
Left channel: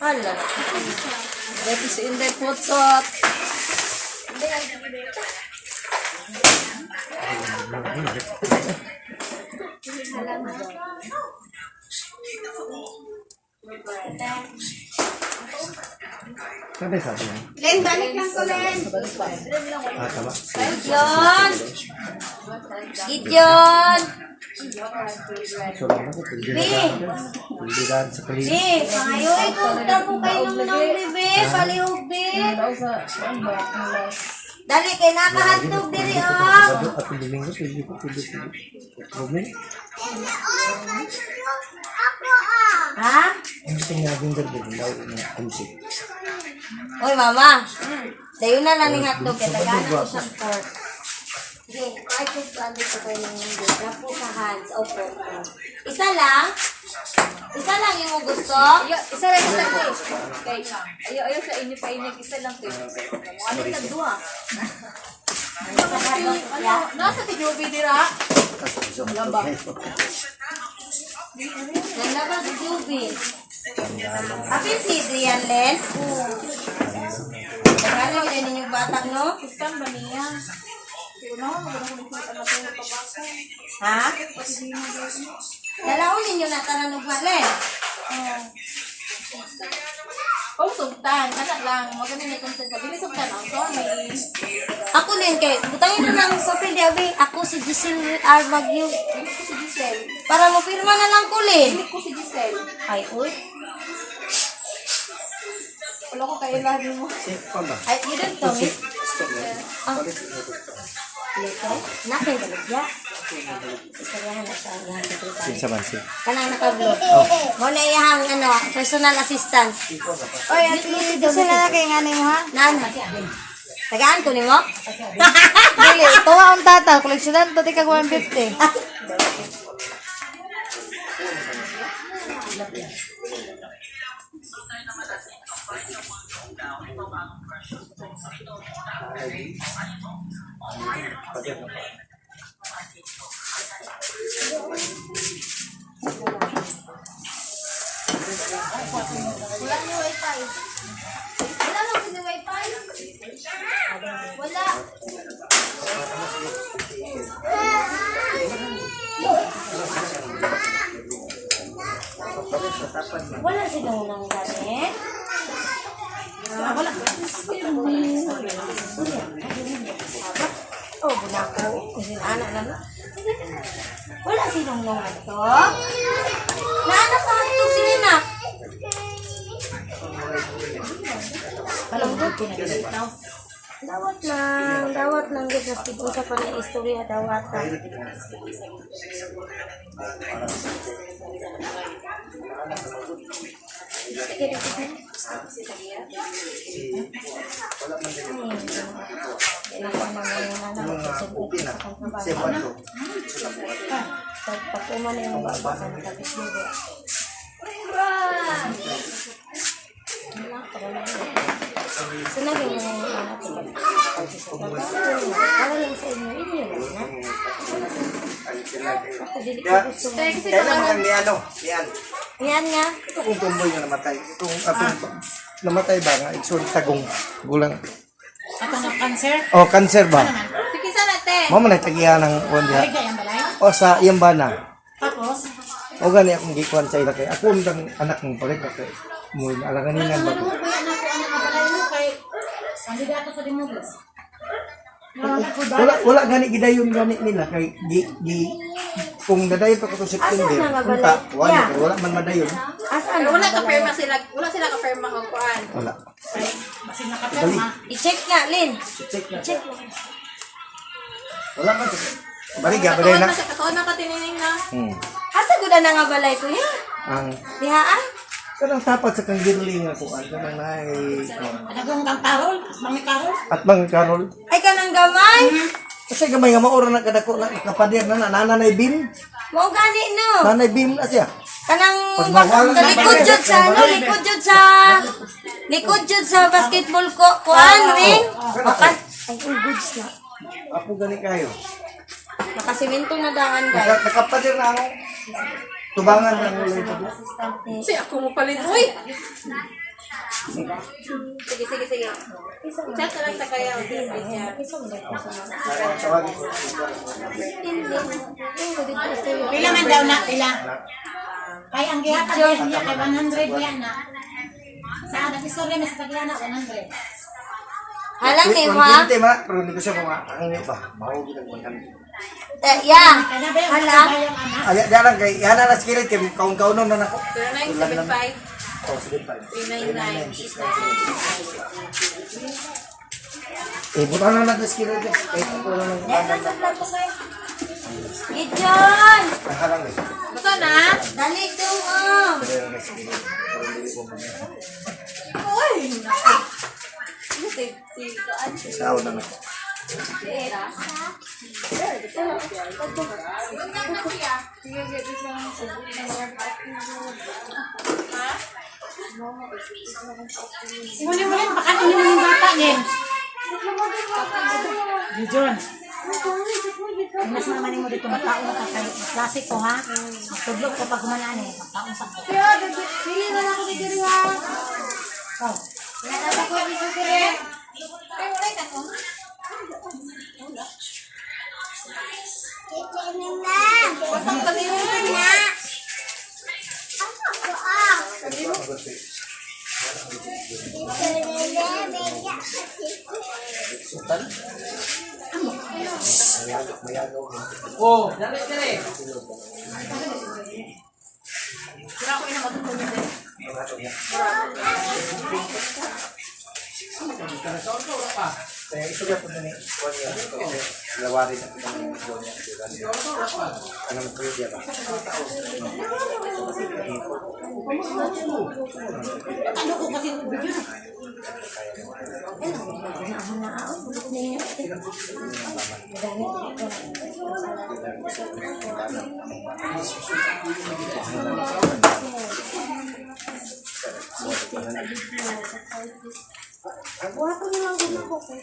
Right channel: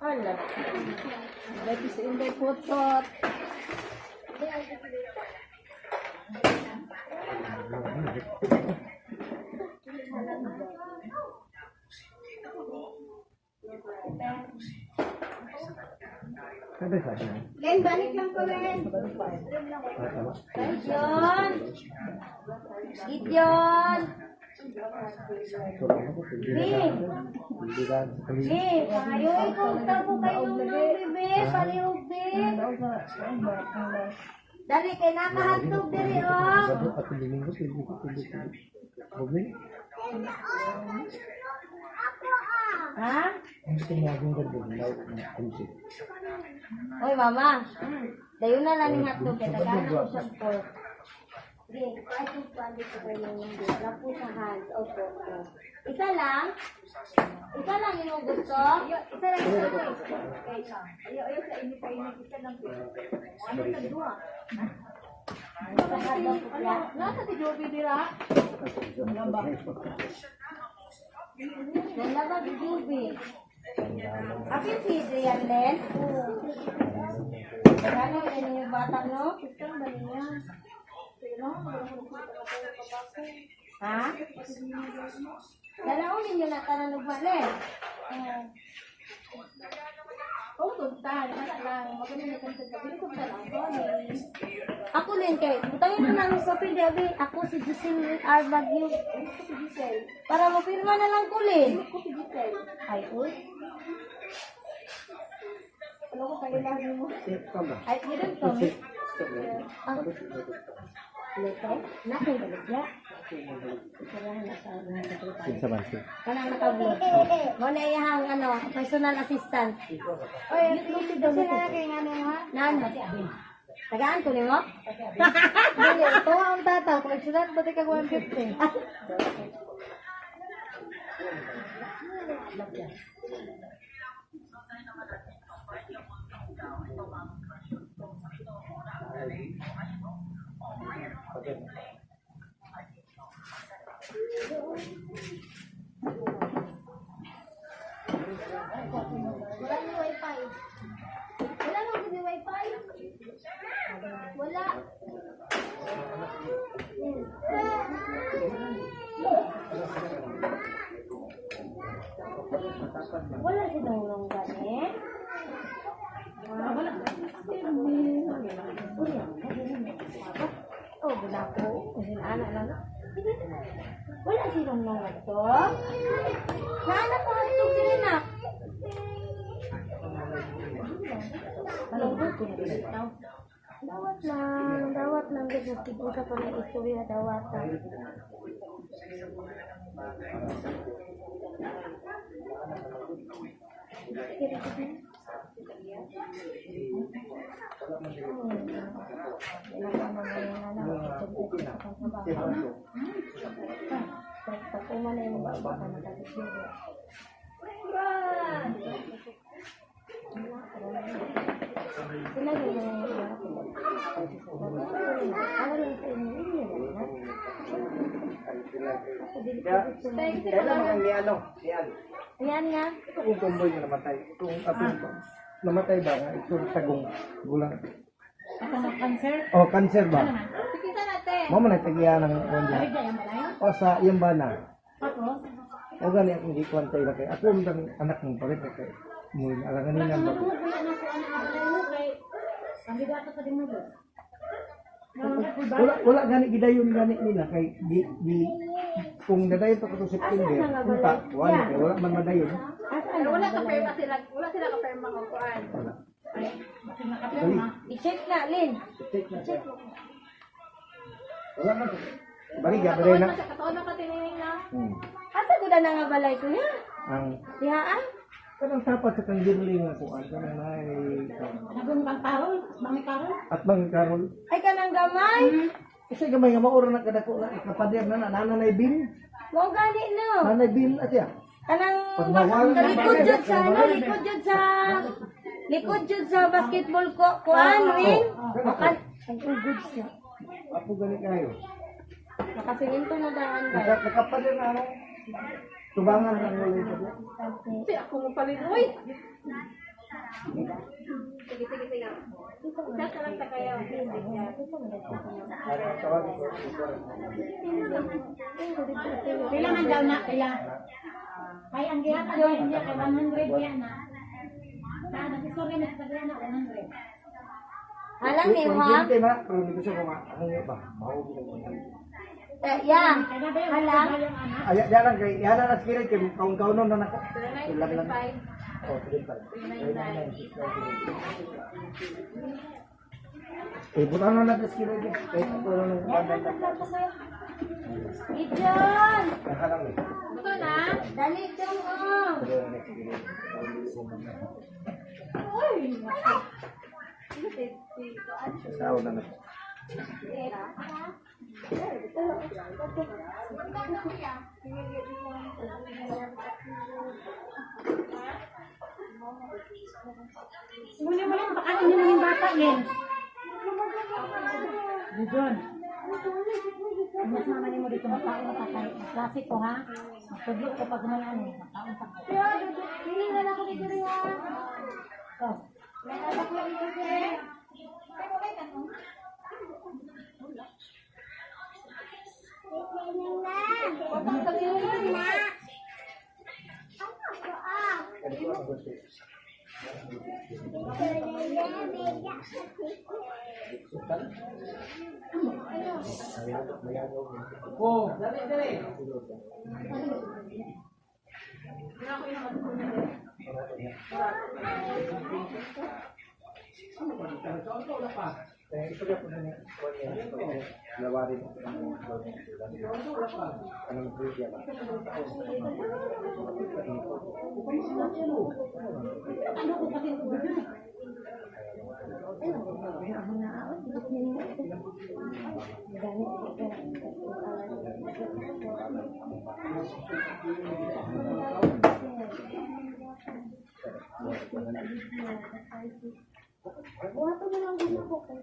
Hala. Dito si Inday Putsot. Sabi sabi niya. Len, balik lang ko, Len. Tama. Gideon! Gideon! So lang ako. Hindi ka sa paligid. Be, pangayoy ko. Tapo kayo ng bebe. Palihog, be. Dali, kay nakahandog diri, oh. Sabado at Domingo. Pwede ko. Problem? Ha? Ang tinagin ka din. Daw na kumsi. Oy, mama. Dayo na lang ni hotdog. Kaya tagana ko siyang pork. Sige, kahit yung pwede ko kayo ng hindi. Lapo sa hands. O, pork. Isa lang? Isa lang yung gusto? Isa lang isa lang. Ayaw sa inyo pa inyo. Isa lang. Ano nagduha? Sa hotdog, ya? Nasa si Joby dira. Ganda ba si Juby? Apin si Adrian Len? Magkano yun yung bata, no? Isang ba niya? Ha? Dalaon ninyo na tananog Len? Oh, sugtan. Kana lang. Maganda na itong sa bili sugtan. Ang sorry. Ako din kay butangin na ng papel di abi. Ako si Giselle Armagyo. Si Giselle. Para mo pirma na lang ko Len. Ko si Giselle. Ay, uy. Wala ko kayo lagi mo. Ay, yun to. Ah. Lito? Nakay balik ya. Istoryahan na siya. Yan sa tripay. Sa bansi. Kanang nakablo. Mo na iyahang ano, personal assistant. Oy, at least kasi na kay nga mo, ha? Nan. Tagaan ko nimo? Dili, tuwa ang tata. Koleksyonan to, tika 150. Wala ni wifi. Wala lang ni wifi. Wala. Wala silang nang gamit. Wala. Oh, bunako. Kasi anak lang. Wala silang nang ito. Naanak ka ito sila na. Palanggot. Dawat lang guys. Nastigong sa panay istorya, dawatan. Pag umano yung baba ka nakabis mo ba? Sunagin mo yung anak ko. Para lang sa inyo. Inyo lang na. Ako dili ko gusto mo. Kaya naman ni ano, yan. Yan nga. Ito kung tumboy na namatay. Itong atong namatay ba nga, itong tagong gulang. Ako ng cancer. Oh, cancer ba? Sige sa natin. Mo man tagiya ng wanda. Aligay ang balay. O sa iyang bana. Tapos, O gani akong gikuan sa ila kay ako ang anak ng palit kay mo alangan nila ba. ano ko yan ako ang balay mo kay hindi dapat sa dimugos. Wala gani gidayon gani nila kay di kung nadayon pa ko to September. Asa na nga balay? Punta, wala Yeah. wala man madayon. Asaan Wala ang ka balay? firma sila. Wala sila ka firma ang kuan. Wala. Kasi nakapirma. I-check nga, Lin. Check na. Check. Wala man. Baliga ba na? Katuon na ka tinining na. Asa gud na nga balay ko ya? Ang Diha ah? kanang tapat sa kang girling ako kanang nay Nagong kang karol, mami karol. at mga karol. Ay kanang gamay. Kasi gamay nga maura na kadako na kapadir na nanay bim. Mo gani no. Nanay bim na siya. Kanang Pagmawala na- likod jud sa ano, likod jud sa basketball ko, kuan ring. Makan ay goods na. Ako gani kayo. Nakasiminto na daan guys. Nakapadir na ako. Tubangan lang ulit. Si ako mo palit. Uy! Sige. Chat na lang sa kaya. Pila man daw na, pila. Kay ang gihapon niya kay 100 yan na. Sa nag-istorya mas tagya na 100. Halang ni ha. Hindi ma, pero hindi ko siya mga ang ba. Mahugid ang pagkan. Yeah. Kaya ba yung Halang. bayang anak? Ay, dalang kay yana na skill kay kaun-kaunon na nako. 0975 Oh, sige pa. 399 Eh, buta na na skill kay ako na lang. Gideon! Halang eh. Buto na? Dali dong oh. Pero na skill. Sa na nako. Muli-muli, pakanin mo yung bata niyan. Gijon. Mas naman mo dito mataon ka kay klase ko ha. Magtudlok ko pag humalaan eh. Mataon sa ko. Oh. Kaya isugat mo ni lawari na anong pwede ba? Ano ko kasi video. Buhat mo lang guna ko kung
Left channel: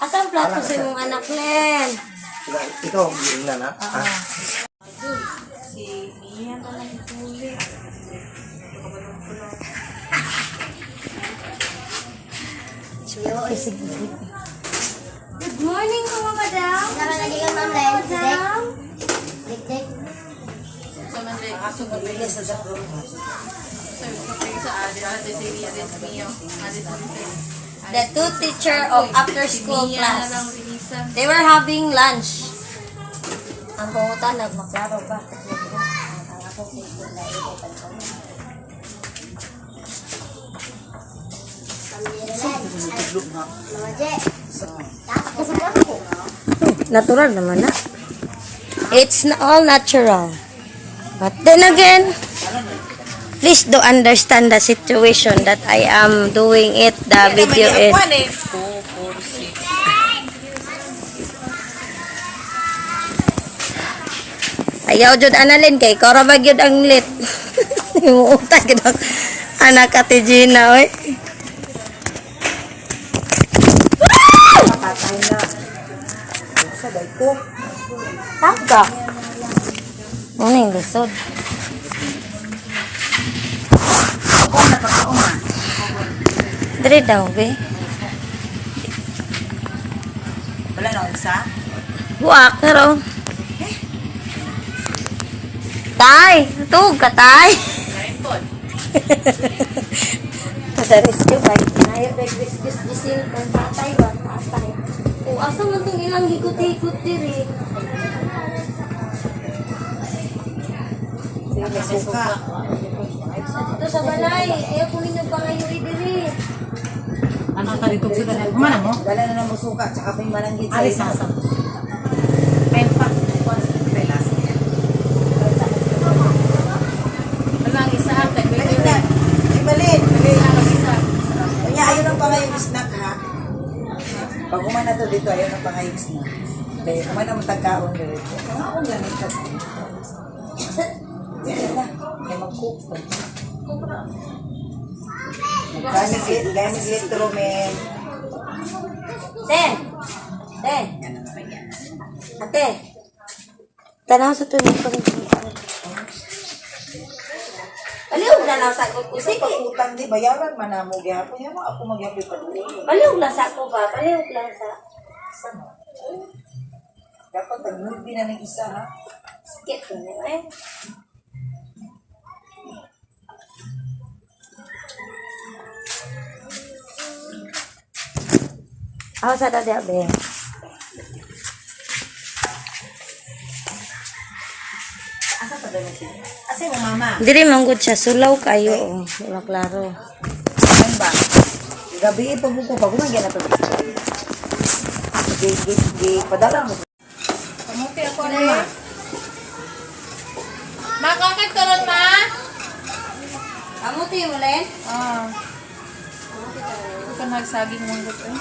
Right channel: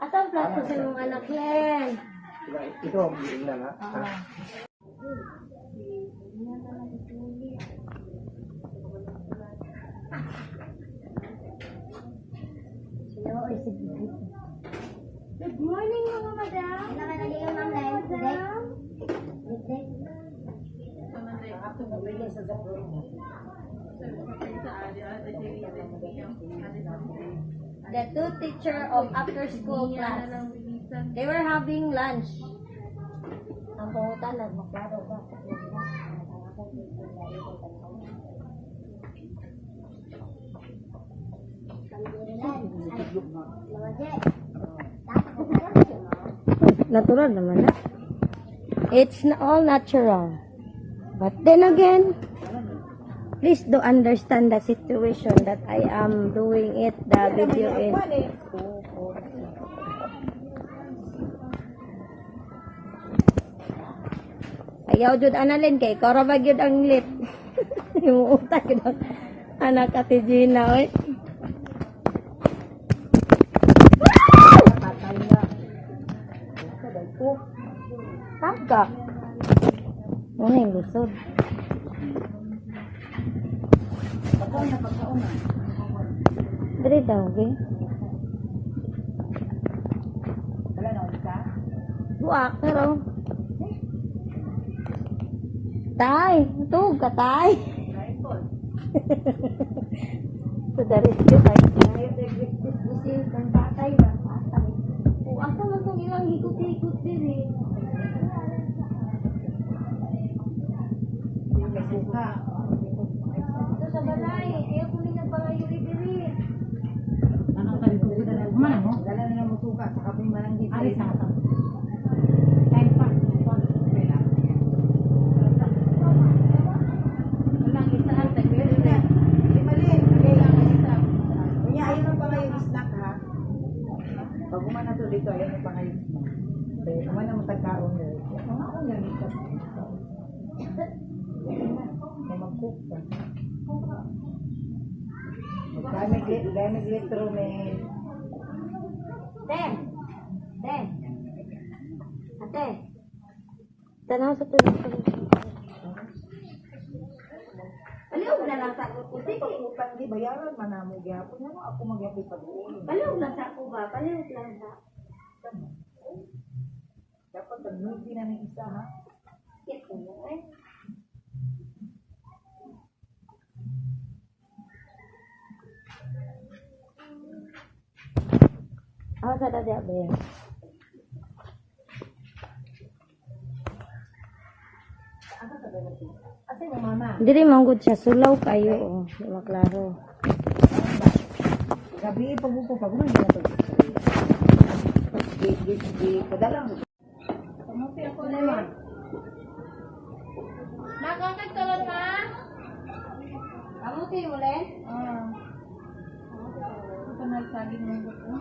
Asan plato sa imong anak, Len? Ito, yun na na. Good morning, mga madam. Tara lagi ka ma'am dahil Madam. dik-dik. The two teacher of after school class. They were having lunch. Ang pangutan, nagmaklaro ba? Natural naman na. It's all natural. But then again, please do understand the situation that I am doing it, the video is. Ayaw jud analin kay kora ba gyud ang lit. Imuutay gid ang anak ati Gina oy. Taga. Ano yung lisod? Dari daw, be. Wala na isa? Buak na raw. Tay! Tug ka, tay! Padaris ko kay kinayo kay dis-disin kung patay ba? Patay. O, asa mo itong ilang hikot-hikot diri? Suka. Ito sa balay. Ayaw ko ninyo pa ngayon diri. Ano ka dito sila na? Kumana mo? Dala na lang mo suka, tsaka pa yung malanggit Ari sasa. Pempa. Walang isa ate. Balik na. Ay, balik. Kanya, ayun ang pangayong snack, ha? Pag umana to dito, ayun ang pangayong snack. Kaya kumana mo tagkaon dito. Ang akong lang ito. Yan na. Kaya mag-cook. Gamit litro, men. Ten! Ten! Ate! Tanaw sa tuloy ko rin. Paliw na lang sa ko. Kasi pag utang di, bayaran man na mo gyapon. Yan mo ako magyapon pa doon. Paliw lang sa ko ba? Paliw lang sa... Dapat tag-movie na ng isa, ha? Skip ko na eh. Ako sa dati abe. Asa pa daw siya? Asa mo, mama? Diri manggod siya. Sulaw kayo. Oh. Wala klaro. Ano ba? Gabi, pag-upo, pag-umagyan na to. Padala mo. Kamuti ako rin. Ma, kakit ka ron, ma? Amuti mo len? Ah. Ito ka nagsaging mundot eh.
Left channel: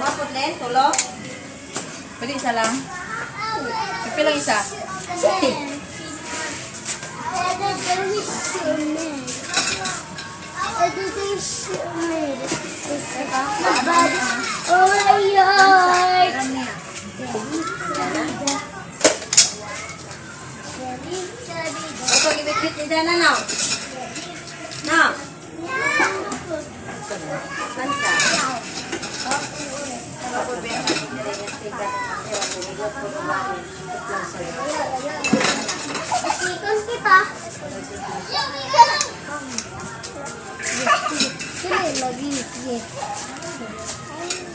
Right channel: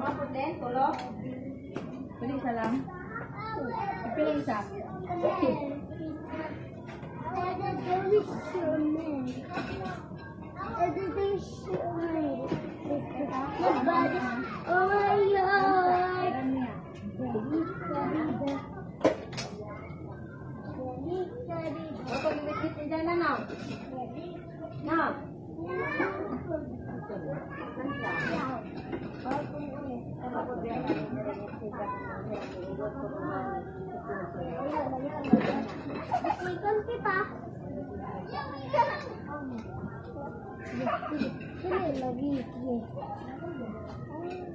Mapot len? Tulo? Pwede isa lang? Pilang isa? Oh my God! Ito, gibit-git ni Dana na. Na. Bansa. Ikon kita.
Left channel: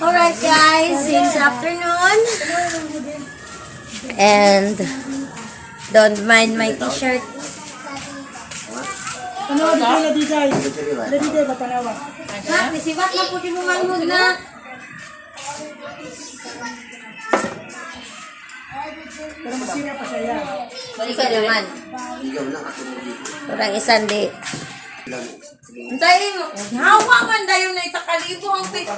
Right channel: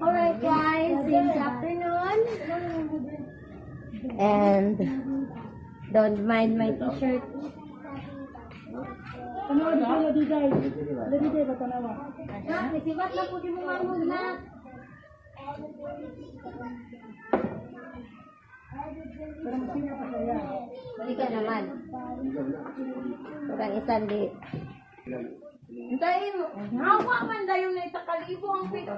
Alright guys, it's afternoon. And don't mind my t-shirt. Tanawa dito na digay. Na digay ba tanawa? Nak, nisibat na po din mo na. Pero masira pa siya yan. Balik ka naman. Parang isang di. Antayin mo. Hawa man dayo na itakalibo ang pit.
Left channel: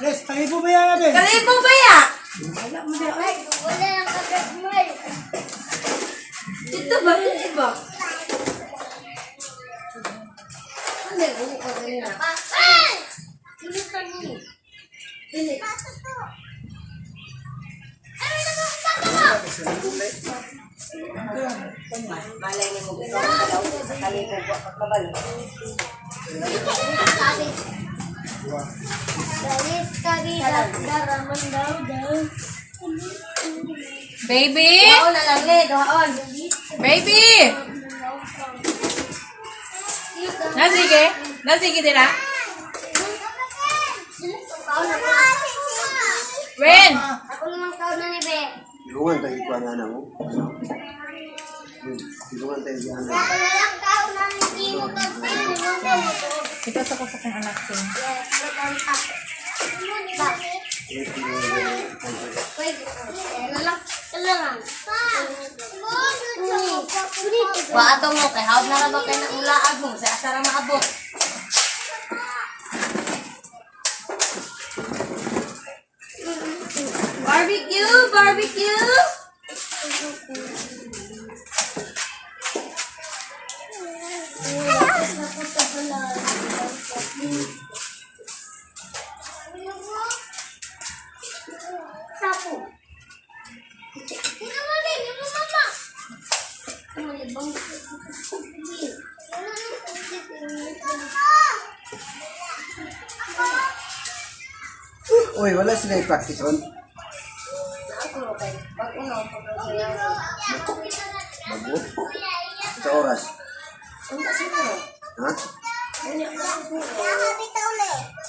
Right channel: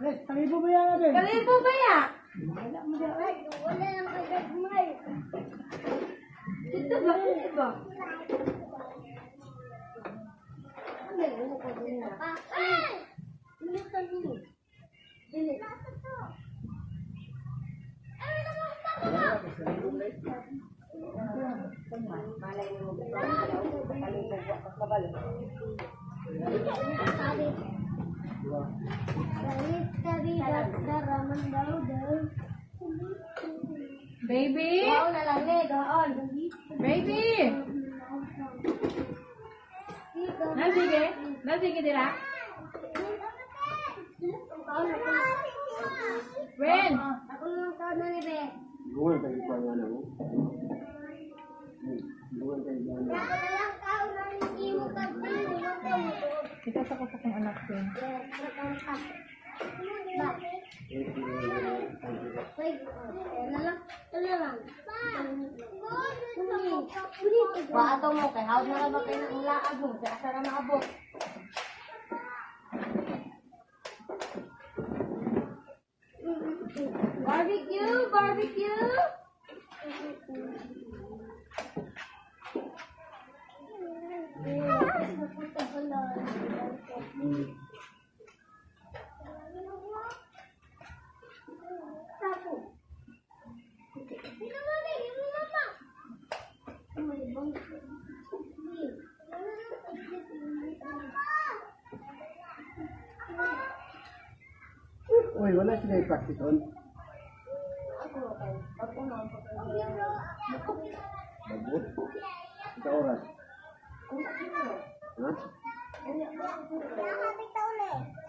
Yes, tayo ba yan natin? Kalibo ba ya? Wala lang kagad mo eh. Dito ba? Dito ba? Ano yung ko rin na? Sino ka niyo? Dili. Malay ni mo ito. Sa kalibo ba? Pagkabal. Sabi. Dalis kami daraman daw. Baby! Doon na lang le. Doon. Baby! Nasige? Nasige nila? When? Ako naman kaon na ni Be. Tulungan tayo pa nga na mo. Tulungan tayo pa nga. Ako na lang kaon na ni Kimo pagpili mo ko mo to. Ito sa ko sa kong anak ko. Yes, matanta. Ba? Wait, lang. Lang. Wa ato mo kay hawd na ra ba kay nang ulaag mo sa asa ra maabot. barbecue? Sapo. Tingnan mo din, yung mama. Malibang. Uy, wala sila i-practice on. Sa oras. Ha?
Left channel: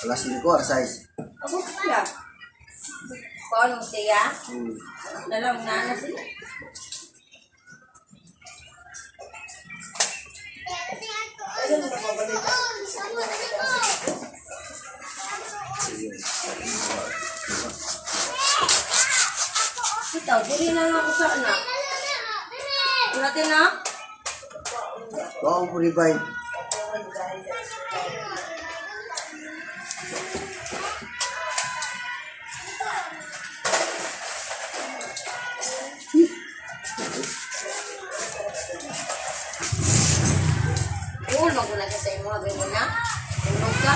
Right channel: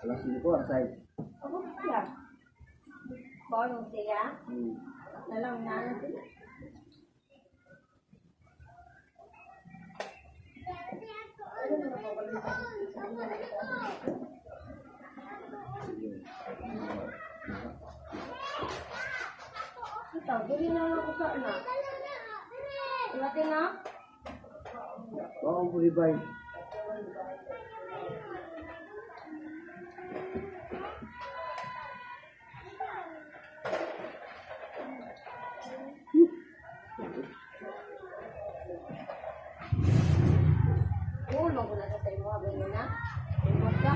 Alas 5, alas 6. Ako sila. Paano siya? Dalawang na sila. Ikaw, dili na lang ako sa anak. Natin na? Oo, ang puribay. Ulo ko na kasi mo, ganyan na. Ulo ka.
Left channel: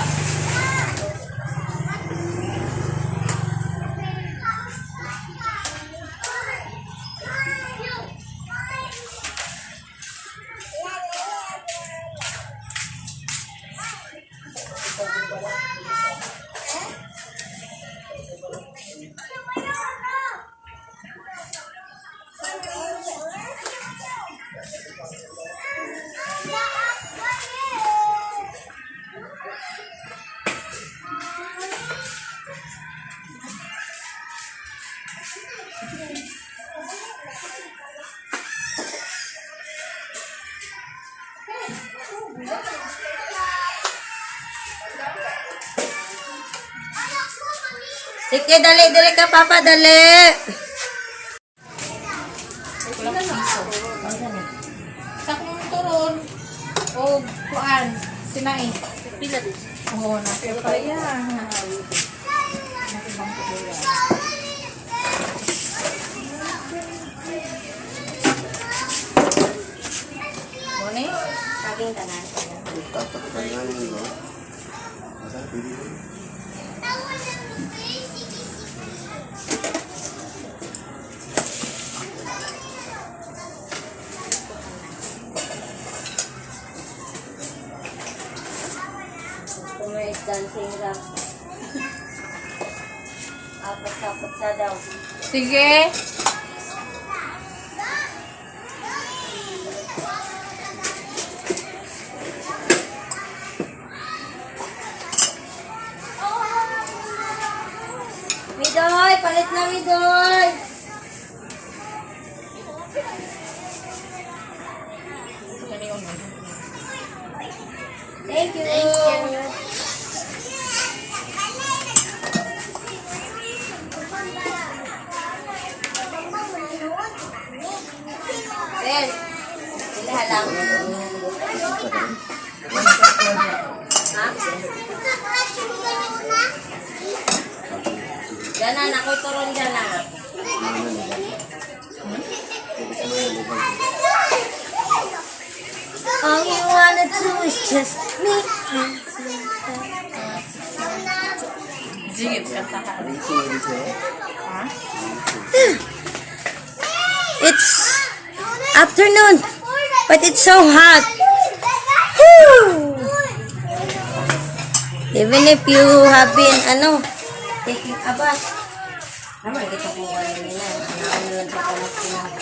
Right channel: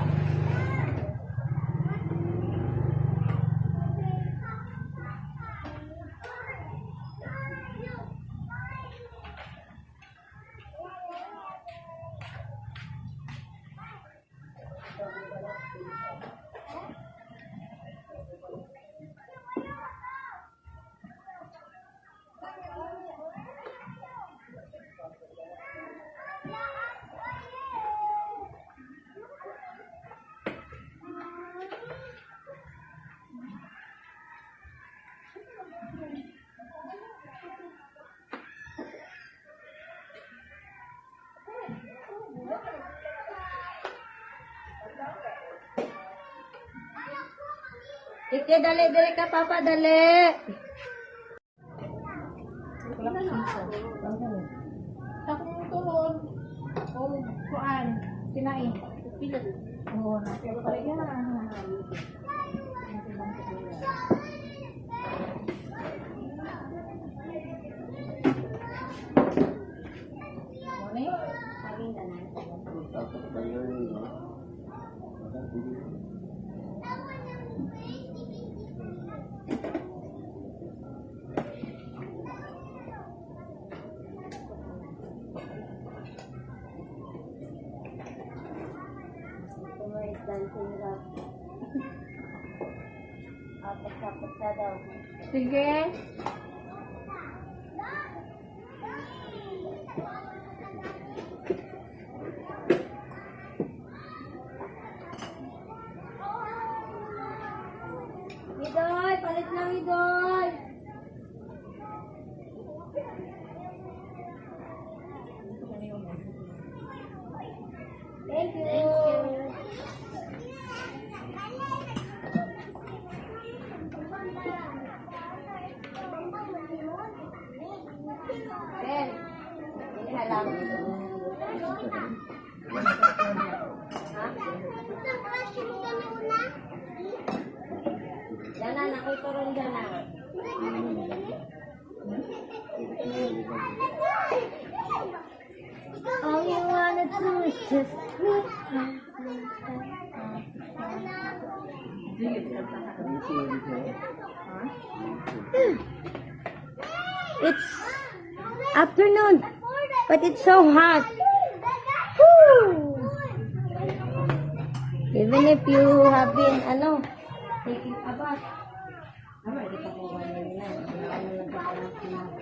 Sige, dali ka, Papa, dali. Sa kong turon, o kuan, sinai. Pila din. Oo, nakita yan. Mone, saging tanan. Dancing lang. Apat-apat sa daw. Sige. Midoy, palit na Midoy. Thank you. Ben, sila lang. Ha? Ganan, ako turon ganan. All you wanna do is just me. Sige, kanta ka. It's afternoon, but it's so hot. Woo! Even if you have been, taking a bath. Naman, dito po ba yun na? Nakaulan pa ko ng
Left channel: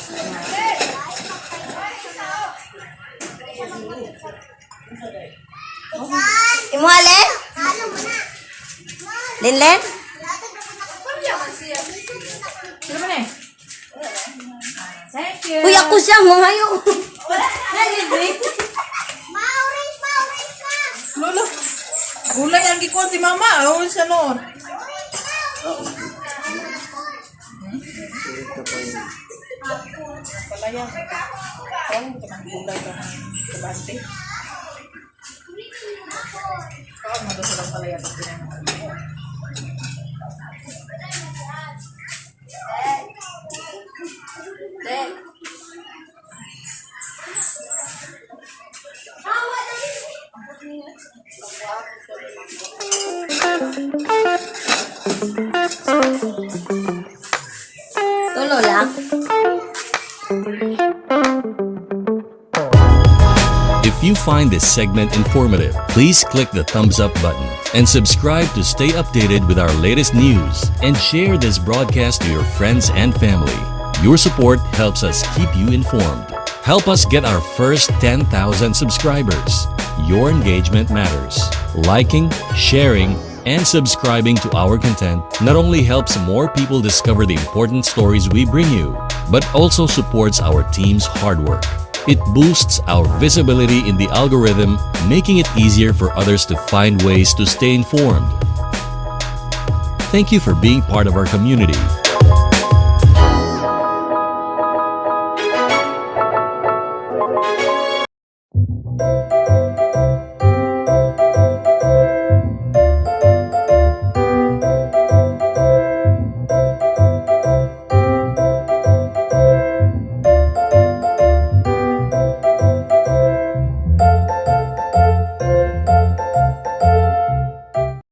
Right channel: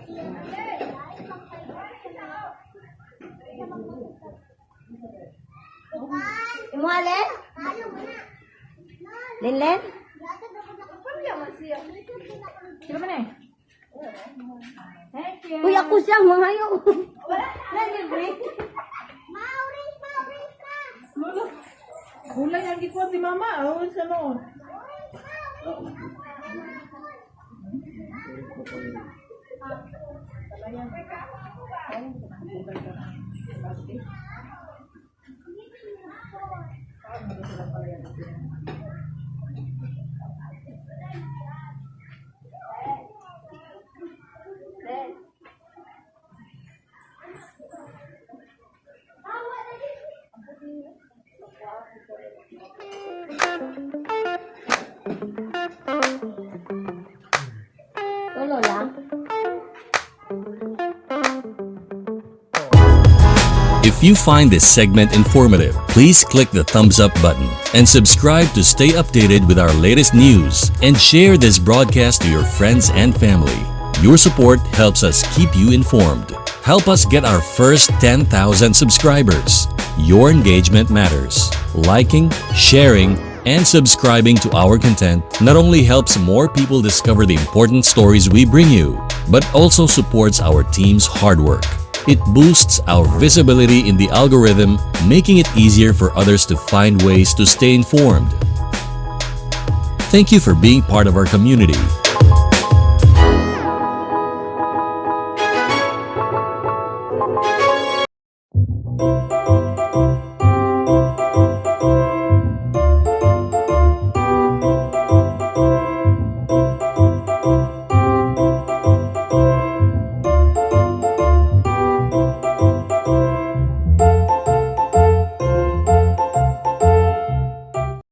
Imualen? Linlen? Sino ba na eh? Thank you. Uy, ako siya, mahayo. Lolo, gulay ang gikuha si mama. Awal siya noon. Patayan. Ang gulay na kabante. Kaya magdasarang palayan. Tulo lang. If you find this segment informative, please click the thumbs up button and subscribe to stay updated with our latest news and share this broadcast to your friends and family. Your support helps us keep you informed. Help us get our first 10,000 subscribers. Your engagement matters. Liking, sharing, and subscribing to our content not only helps more people discover the important stories we bring you, but also supports our team's hard work. It boosts our visibility in the algorithm, making it easier for others to find ways to stay informed. Thank you for being part of our community.